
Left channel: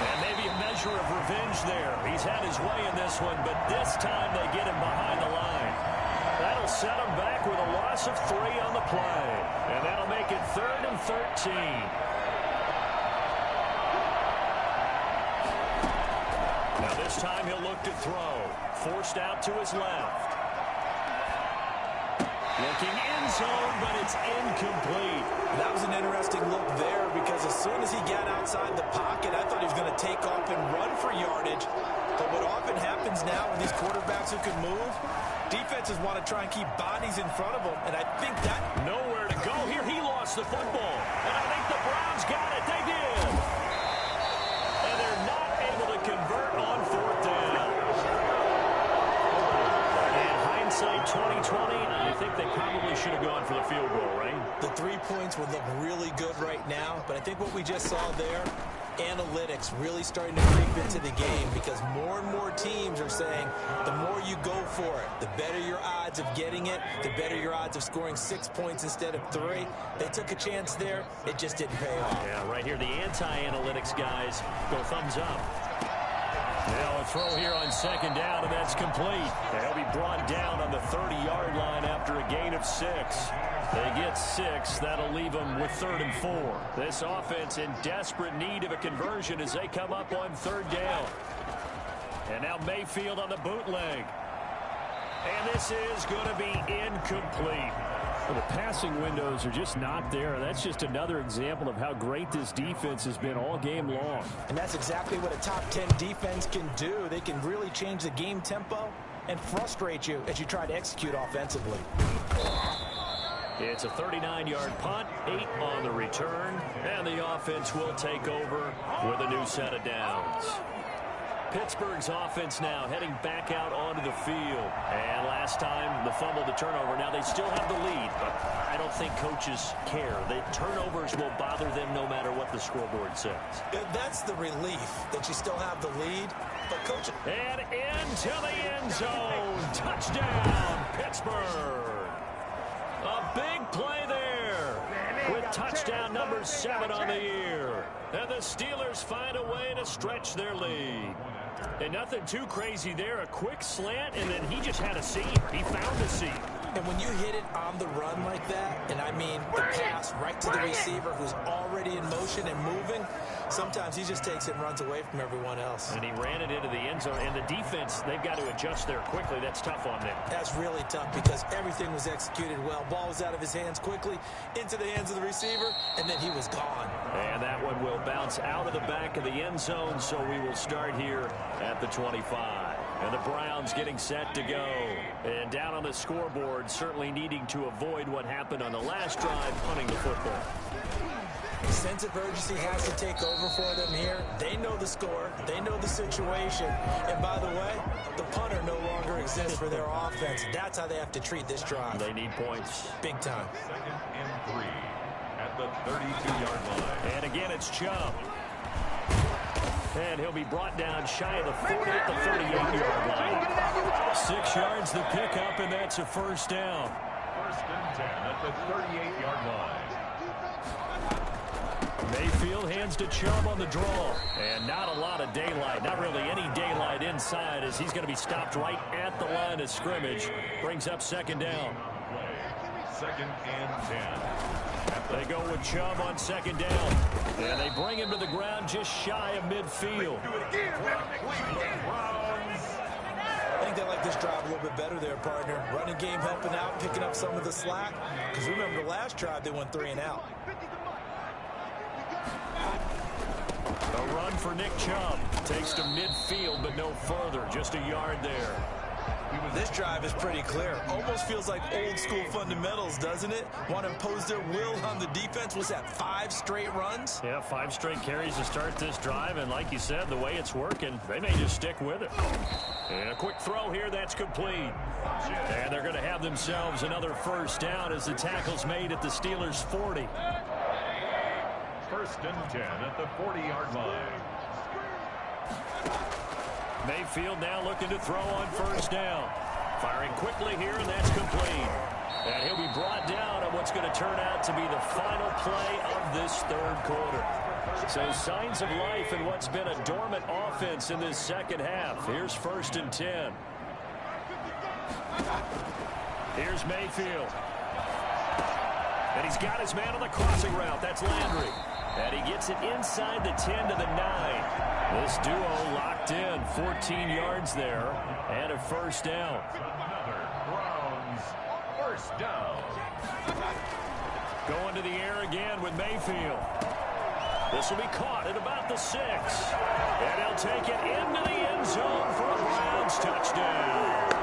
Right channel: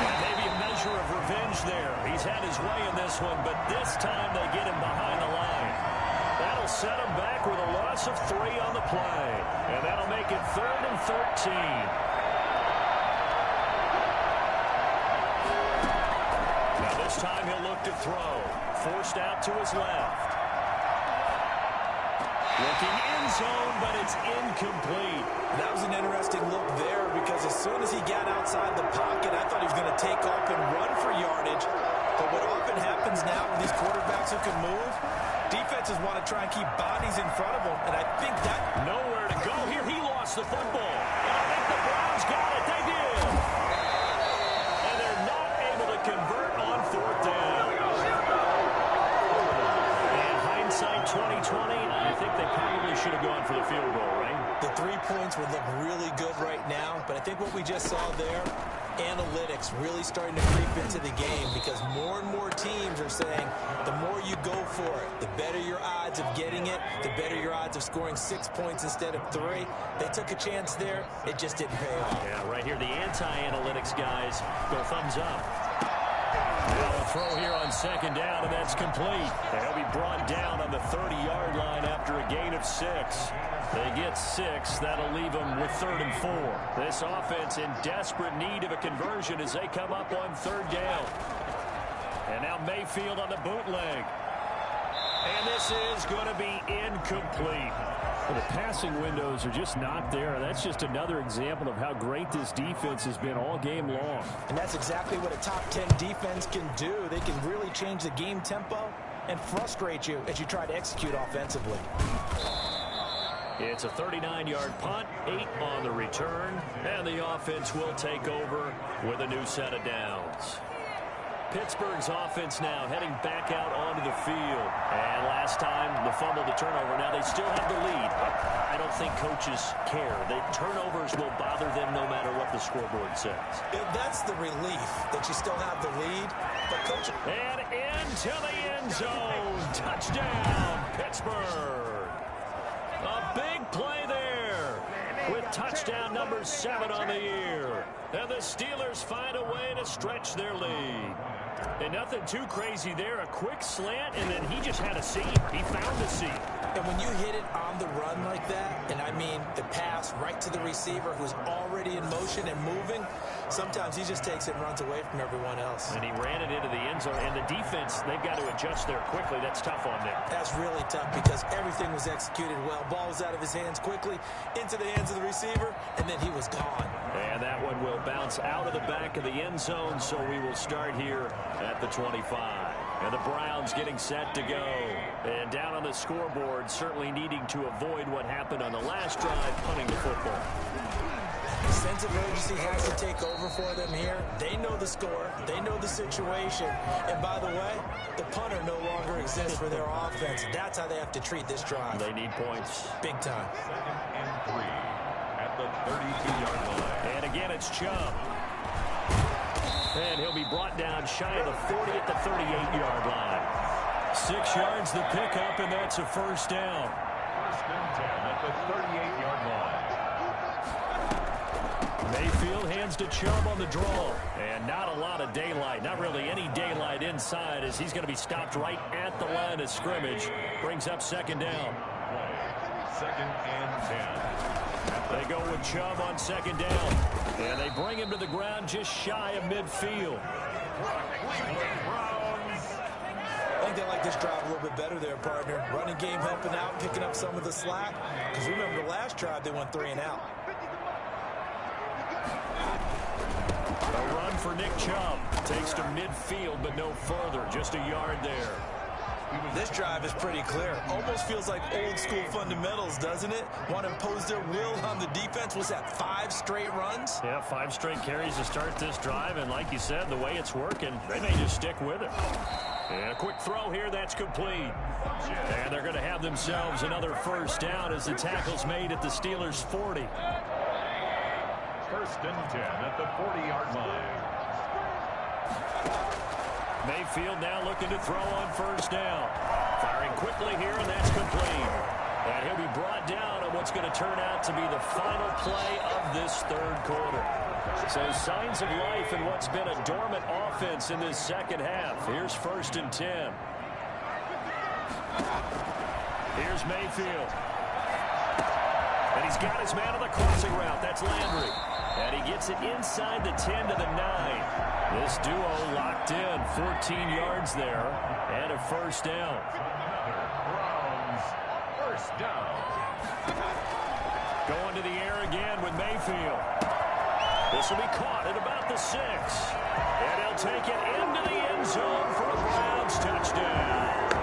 And maybe a measure of revenge there. He's had his way in this one, but this time they get him behind the line. That'll set him back with a loss of 3 on the play. And that'll make it 3rd and 13. Now this time he'll look to throw. Forced out to his left. Looking end zone, but it's incomplete. That was an interesting look there because as soon as he got outside the pocket, I thought he was going to take off and run for yardage. But what often happens now with these quarterbacks who can move, defenses want to try and keep bodies in front of them, and I think that... Nowhere to go here. He lost the football. And I think the Browns got it. They did. And they're not able to convert on 4th down. And hindsight 2020, I think they probably should have gone for the field goal, right? The 3 points would look really good right now, but I think what we just saw there, analytics really starting to creep into the game because more and more teams are saying the more you go for it, the better your odds of getting it, the better your odds of scoring 6 points instead of 3. They took a chance there. It just didn't pay off. Yeah, right here, the anti-analytics guys go thumbs up. Now a throw here on 2nd down, and that's complete. And he'll be brought down on the 30-yard line after a gain of 6. They get 6. That'll leave them with 3rd and 4. This offense in desperate need of a conversion as they come up on 3rd down. And now Mayfield on the bootleg. And this is going to be incomplete. Well, the passing windows are just not there. That's just another example of how great this defense has been all game long. And that's exactly what a top 10 defense can do. They can really change the game tempo and frustrate you as you try to execute offensively. It's a 39-yard punt, 8 on the return, and the offense will take over with a new set of downs. Pittsburgh's offense now heading back out onto the field. And last time, the fumble, the turnover. Now they still have the lead, but I don't think coaches care. The turnovers will bother them no matter what the scoreboard says. That's the relief that you still have the lead. But coach... And into the end zone. Touchdown, Pittsburgh. A big play there with touchdown number 7 on the year. And the Steelers find a way to stretch their lead. And nothing too crazy there. A quick slant, and then he just had a seam. He found a seam. And when you hit it on the run like that, and I mean the pass right to the receiver who's already in motion and moving, sometimes he just takes it and runs away from everyone else. And he ran it into the end zone. And the defense, they've got to adjust there quickly. That's tough on them. That's really tough because everything was executed well. Ball was out of his hands quickly, into the hands of the receiver, and then he was gone. And that one will bounce out of the back of the end zone, so we will start here at the 25. And the Browns getting set to go. And down on the scoreboard, certainly needing to avoid what happened on the last drive, punting the football. Sense of urgency has to take over for them here. They know the score. They know the situation. And by the way, the punter no longer exists for their offense. That's how they have to treat this drive. They need points. Big time. 2nd and 3 at the 32-yard line. And again, it's Chubb. And he'll be brought down shy of the 40 at the 38-yard line. 6 yards the pickup, and that's a first down. 1st and 10 at the 38-yard line. Mayfield hands to Chubb on the draw. And not a lot of daylight. Not really any daylight inside as he's going to be stopped right at the line of scrimmage. Brings up 2nd down. Play. 2nd and 10. They go with Chubb on second down. And they bring him to the ground just shy of midfield. I think they like this drive a little bit better there, partner. Running game helping out, picking up some of the slack. Because remember, the last drive, they went 3 and out. A run for Nick Chubb. Takes to midfield, but no further. Just a yard there. This drive is pretty clear. Almost feels like old school fundamentals, doesn't it? Want to impose their will on the defense. Was that 5 straight runs? Yeah, 5 straight carries to start this drive. And like you said, the way it's working, they may just stick with it. And a quick throw here, that's complete. And they're going to have themselves another first down as the tackle's made at the Steelers' 40. 1st and 10 at the 40-yard line. Mayfield now looking to throw on first down. Firing quickly here, and that's complete. And he'll be brought down on what's going to turn out to be the final play of this 3rd quarter. So signs of life in what's been a dormant offense in this second half. Here's 1st and 10. Here's Mayfield. And he's got his man on the crossing route. That's Landry. And he gets it inside the 10 to the 9. This duo locked in. 14 yards there. And a first down. Another Browns first down. Going to the air again with Mayfield. This will be caught at about the 6. And he'll take it into the end zone for a Browns touchdown.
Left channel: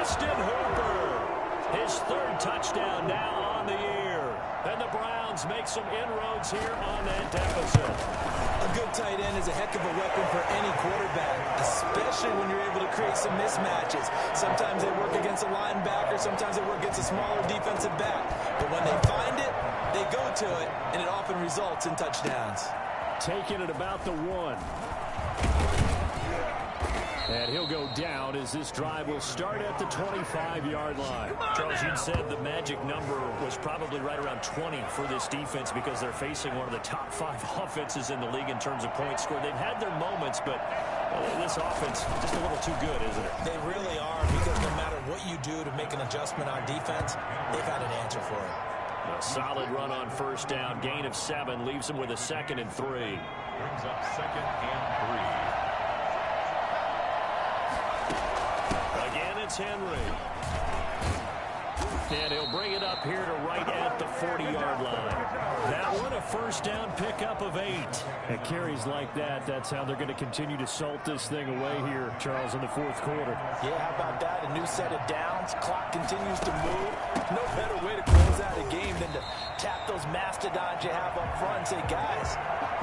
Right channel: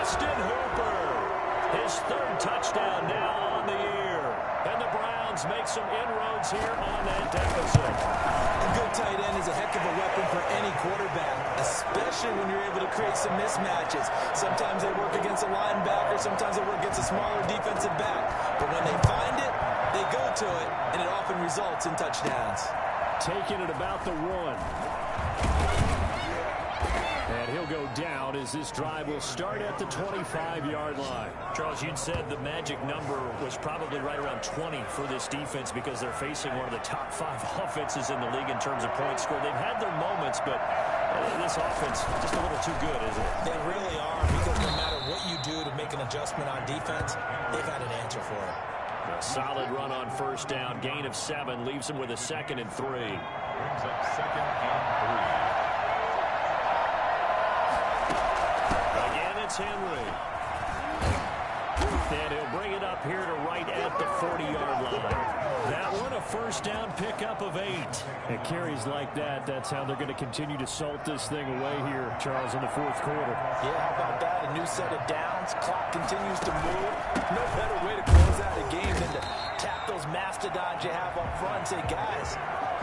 Austin Hooper. His 3rd touchdown now on the year. And the Browns make some inroads here on that deficit. A good tight end is a heck of a weapon for any quarterback, especially when you're able to create some mismatches. Sometimes they work against a linebacker, sometimes they work against a smaller defensive back. But when they find it, they go to it, and it often results in touchdowns. Taking it about the 1. And he'll go down as this drive will start at the 25-yard line. Charles, you'd said the magic number was probably right around 20 for this defense because they're facing one of the top 5 offenses in the league in terms of points scored. They've had their moments, but this offense just a little too good, isn't it? They really are, because no matter what you do to make an adjustment on defense, they've had an answer for it. A solid run on first down. Gain of 7 leaves them with a 2nd and 3. Brings up 2nd and 3. Again, it's Henry. And he'll bring it up here to right at the 40-yard line. That one, a first down pickup of 8. At carries like that, that's how they're going to continue to salt this thing away here, Charles, in the 4th quarter. Yeah, how about that? A new set of downs. Clock continues to move. No better way to close out a game than to tap those mastodons you have up front and say, guys,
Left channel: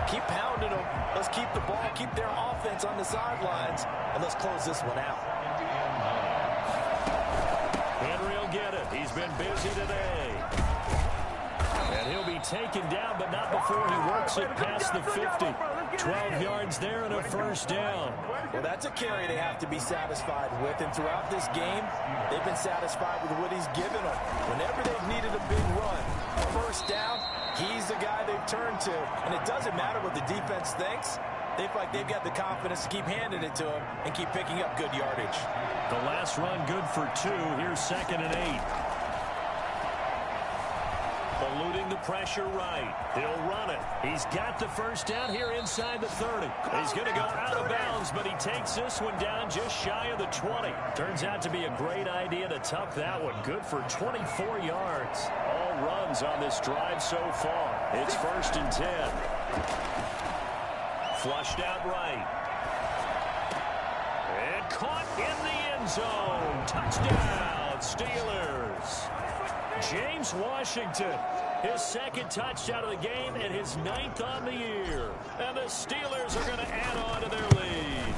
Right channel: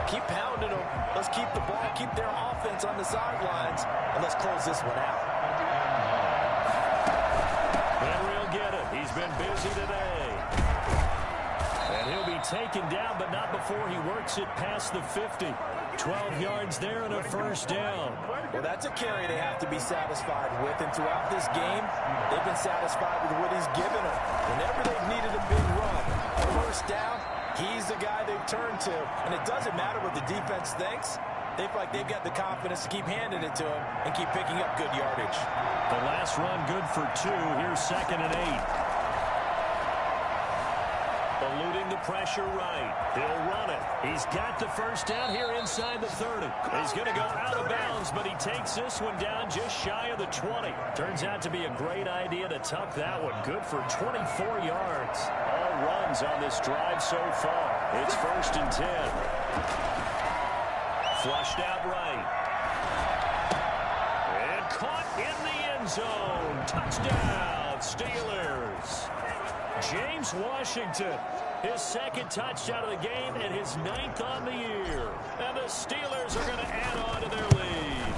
keep pounding them. Let's keep the ball, keep their offense on the sidelines, and let's close this one out. Henry will get it. He's been busy today. And he'll be taken down, but not before he works it past the 50. 12 yards there and a first down. Well, that's a carry they have to be satisfied with. And throughout this game, they've been satisfied with what he's given them. Whenever they've needed a big run, a first down, he's the guy they've turned to. And it doesn't matter what the defense thinks. They feel like they've got the confidence to keep handing it to him and keep picking up good yardage. The last run good for 2. Here's 2nd and 8. Eluding the pressure right. He'll run it. He's got the first down here inside the 30. He's going to go out of bounds, but he takes this one down just shy of the 20. Turns out to be a great idea to tuck that one. Good for 24 yards. All runs on this drive so far. It's 1st and 10. Flushed out right. And caught in the end zone. Touchdown, Steelers. James Washington, his 2nd touchdown of the game and his 9th on the year. And the Steelers are going to add on to their lead.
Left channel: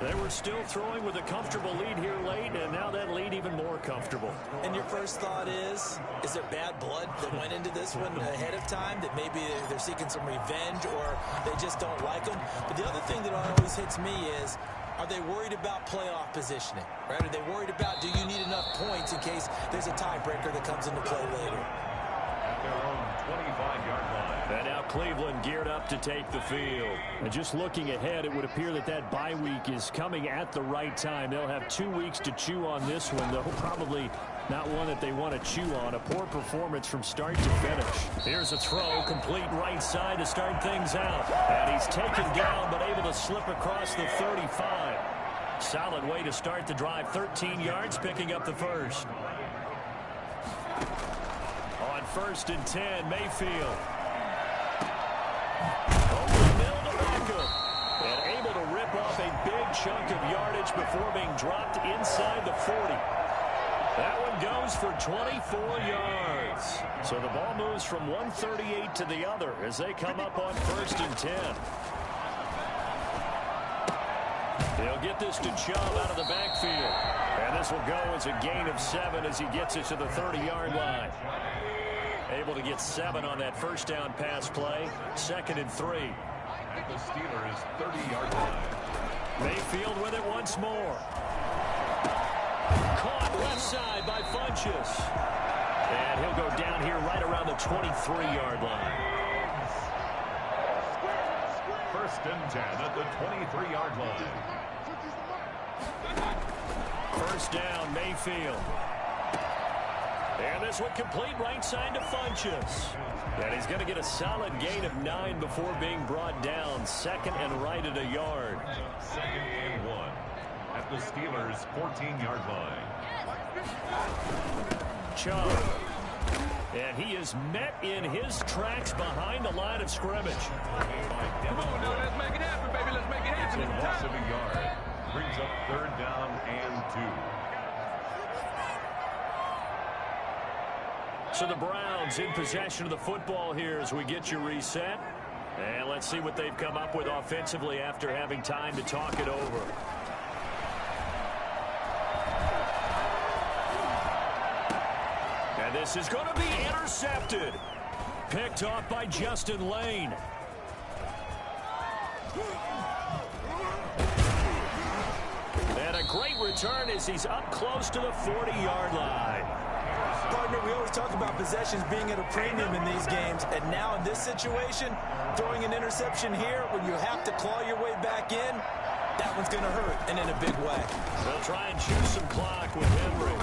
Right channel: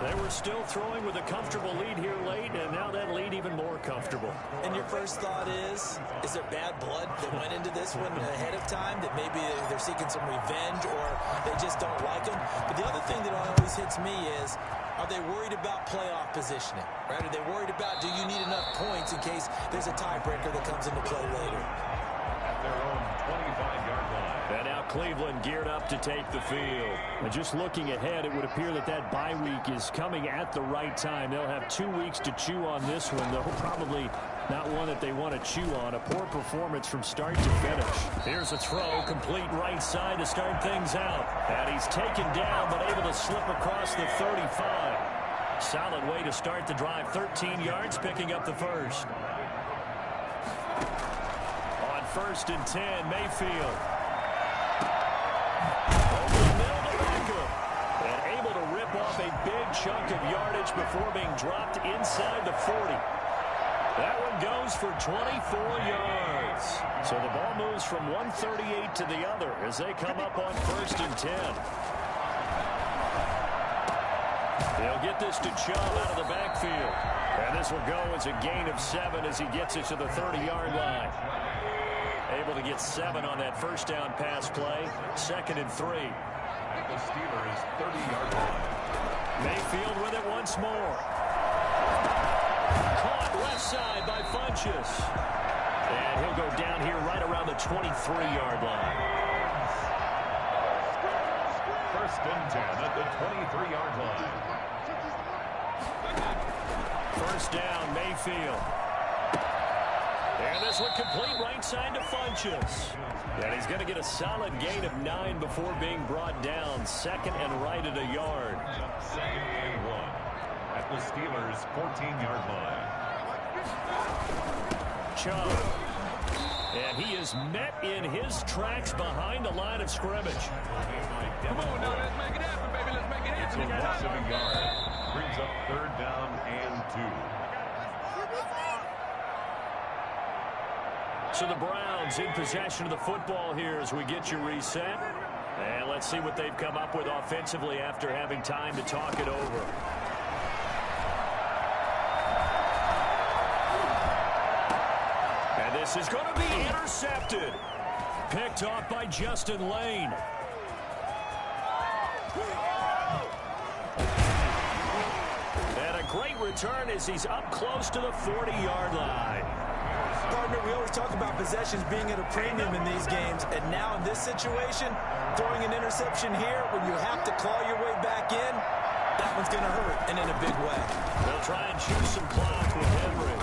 They were still throwing with a comfortable lead here late, and now that lead even more comfortable. And your first thought is there bad blood that went into this one ahead of time, that maybe they're seeking some revenge or they just don't like them? But the other thing that always hits me is, are they worried about playoff positioning? Right? Are they worried about, do you need enough points in case there's a tiebreaker that comes into play later? At their own 25-yard line. And now Cleveland geared up to take the field. And just looking ahead, it would appear that bye week is coming at the right time. They'll have 2 weeks to chew on this one. They'll probably Not one that they want to chew on. A poor performance from start to finish. Here's a throw, complete right side to start things out. And he's taken down, but able to slip across the 35. Solid way to start the drive. 13 yards, picking up the first. On 1st and 10, Mayfield. Over the middle to Beckham. And able to rip off a big chunk of yardage before being dropped inside the 40. That one goes for 24 yards. So the ball moves from 138 to the other as they come up on 1st and 10. He'll get this to Chubb out of the backfield. And this will go as a gain of 7 as he gets it to the 30-yard line. Able to get 7 on that first down pass play. 2nd and 3. At the Steelers' 30-yard line. Mayfield with it once more. Caught left side by Funchess. And he'll go down here right around the 23-yard line. 1st and 10 at the 23-yard line. 1st down, Mayfield. And this one complete right side to Funchess. And he's going to get a solid gain of 9 before being brought down. 2nd and right at a yard. 2nd and 1 at the Steelers' 14-yard line. Chubb. And he is met in his tracks behind the line of scrimmage. Come on now, let's make it happen, baby. Let's make it happen. It's a loss of a yard. Brings up 3rd down and 2. So the Browns in possession of the football here as we get you reset. And let's see what they've come up with offensively after having time to talk it over. And this is going to be intercepted. Picked off by Justin Lane. And a great return as he's up close to the 40-yard line. Partner, we always talk about possessions being at a premium in these games, and now in this situation, throwing an interception here when you have to claw your way back in, that one's going to hurt, and in a big way. They'll try and choose some clock with Henry.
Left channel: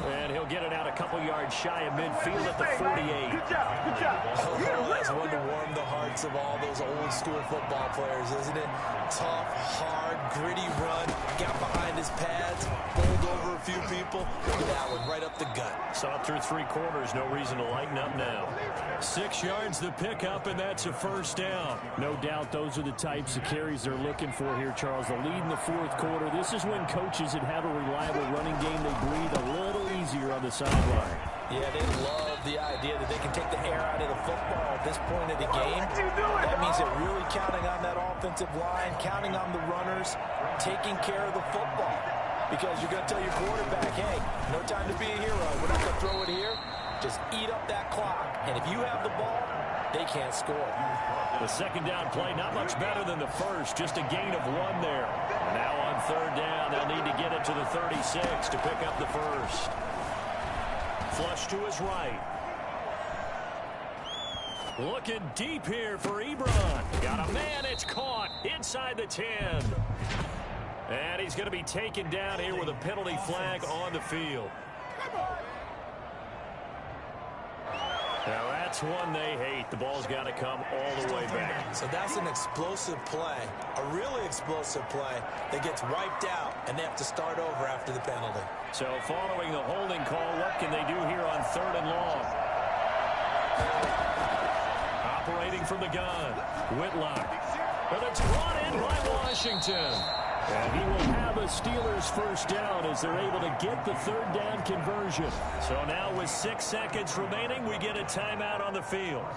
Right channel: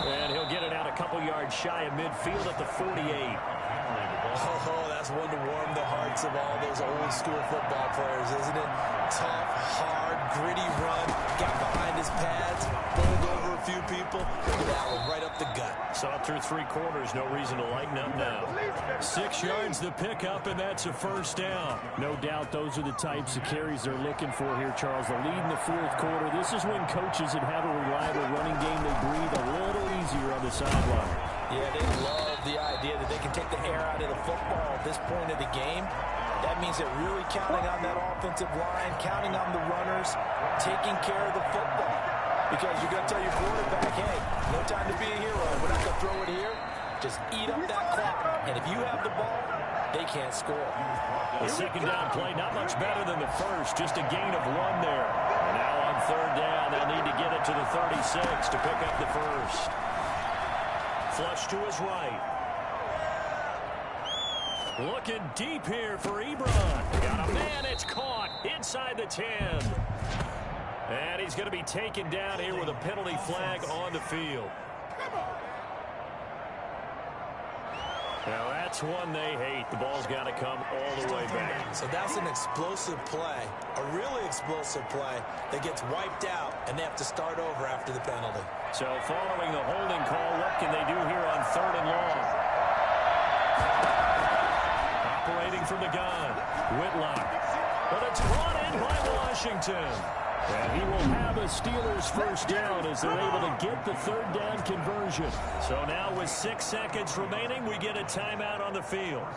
And he'll get it out a couple yards shy of midfield at the 48. Oh, that's one to warm the hearts of all those old school football players, isn't it? Tough, hard, gritty run, got behind his pads, bowled over a few people. Look at that one, right up the gut. Saw it through 3 quarters, no reason to lighten up now. 6 yards the pickup, and that's a 1st down. No doubt those are the types of carries they're looking for here, Charles. The lead in the 4th quarter. This is when coaches that have a reliable running game, they breathe a little easier on the sideline. Yeah, they love the idea that they can take the air out of the football at this point of the game. That means they're really counting on that offensive line, counting on the runners, taking care of the football. Because you're going to tell your quarterback, hey, no time to be a hero. We're not going to throw it here. Just eat up that clock. And if you have the ball, they can't score. The 2nd down play, not much better than the first. Just a gain of 1 there. And now on 3rd down, they'll need to get it to the 36 to pick up the first. Flush to his right. Looking deep here for Ebron. Got a man, it's caught inside the 10. And he's going to be taken down here with a penalty flag on the field. Now that's one they hate. The ball's got to come all the way back. So that's an explosive play, a really explosive play that gets wiped out, and they have to start over after the penalty. So following the holding call, what can they do here on 3rd and long? Operating from the gun, Whitlock. But it's brought in by Washington. And he will have a Steelers 1st down as they're able to get the 3rd down conversion. So now with 6 seconds remaining, we get a timeout on the field.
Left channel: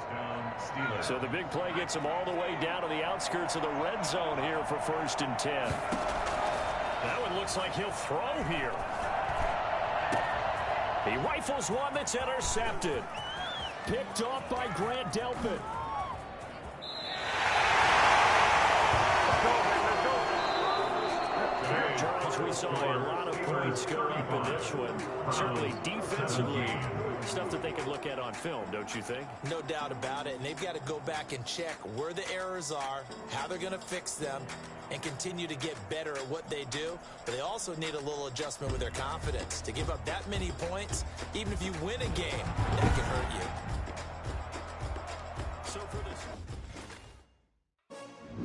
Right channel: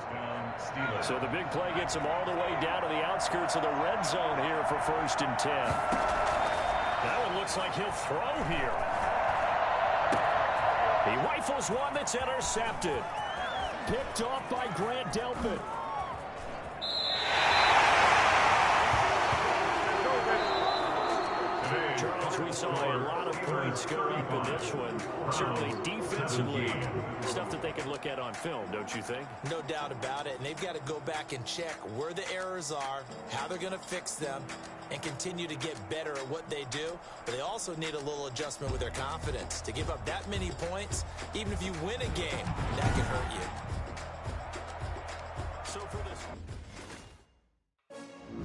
So the big play gets him all the way down to the outskirts of the red zone here for 1st and 10. That one looks like he'll throw here. He rifles one that's intercepted. Picked off by Grant Delpit. Charles, we saw a lot of points go up in this one. Certainly defensively, stuff that they can look at on film, don't you think? No doubt about it. And they've got to go back and check where the errors are, how they're going to fix them. and continue to get better at what they do, but they also need a little adjustment with their confidence. To give up that many points, even if you win a game, that can hurt you. So for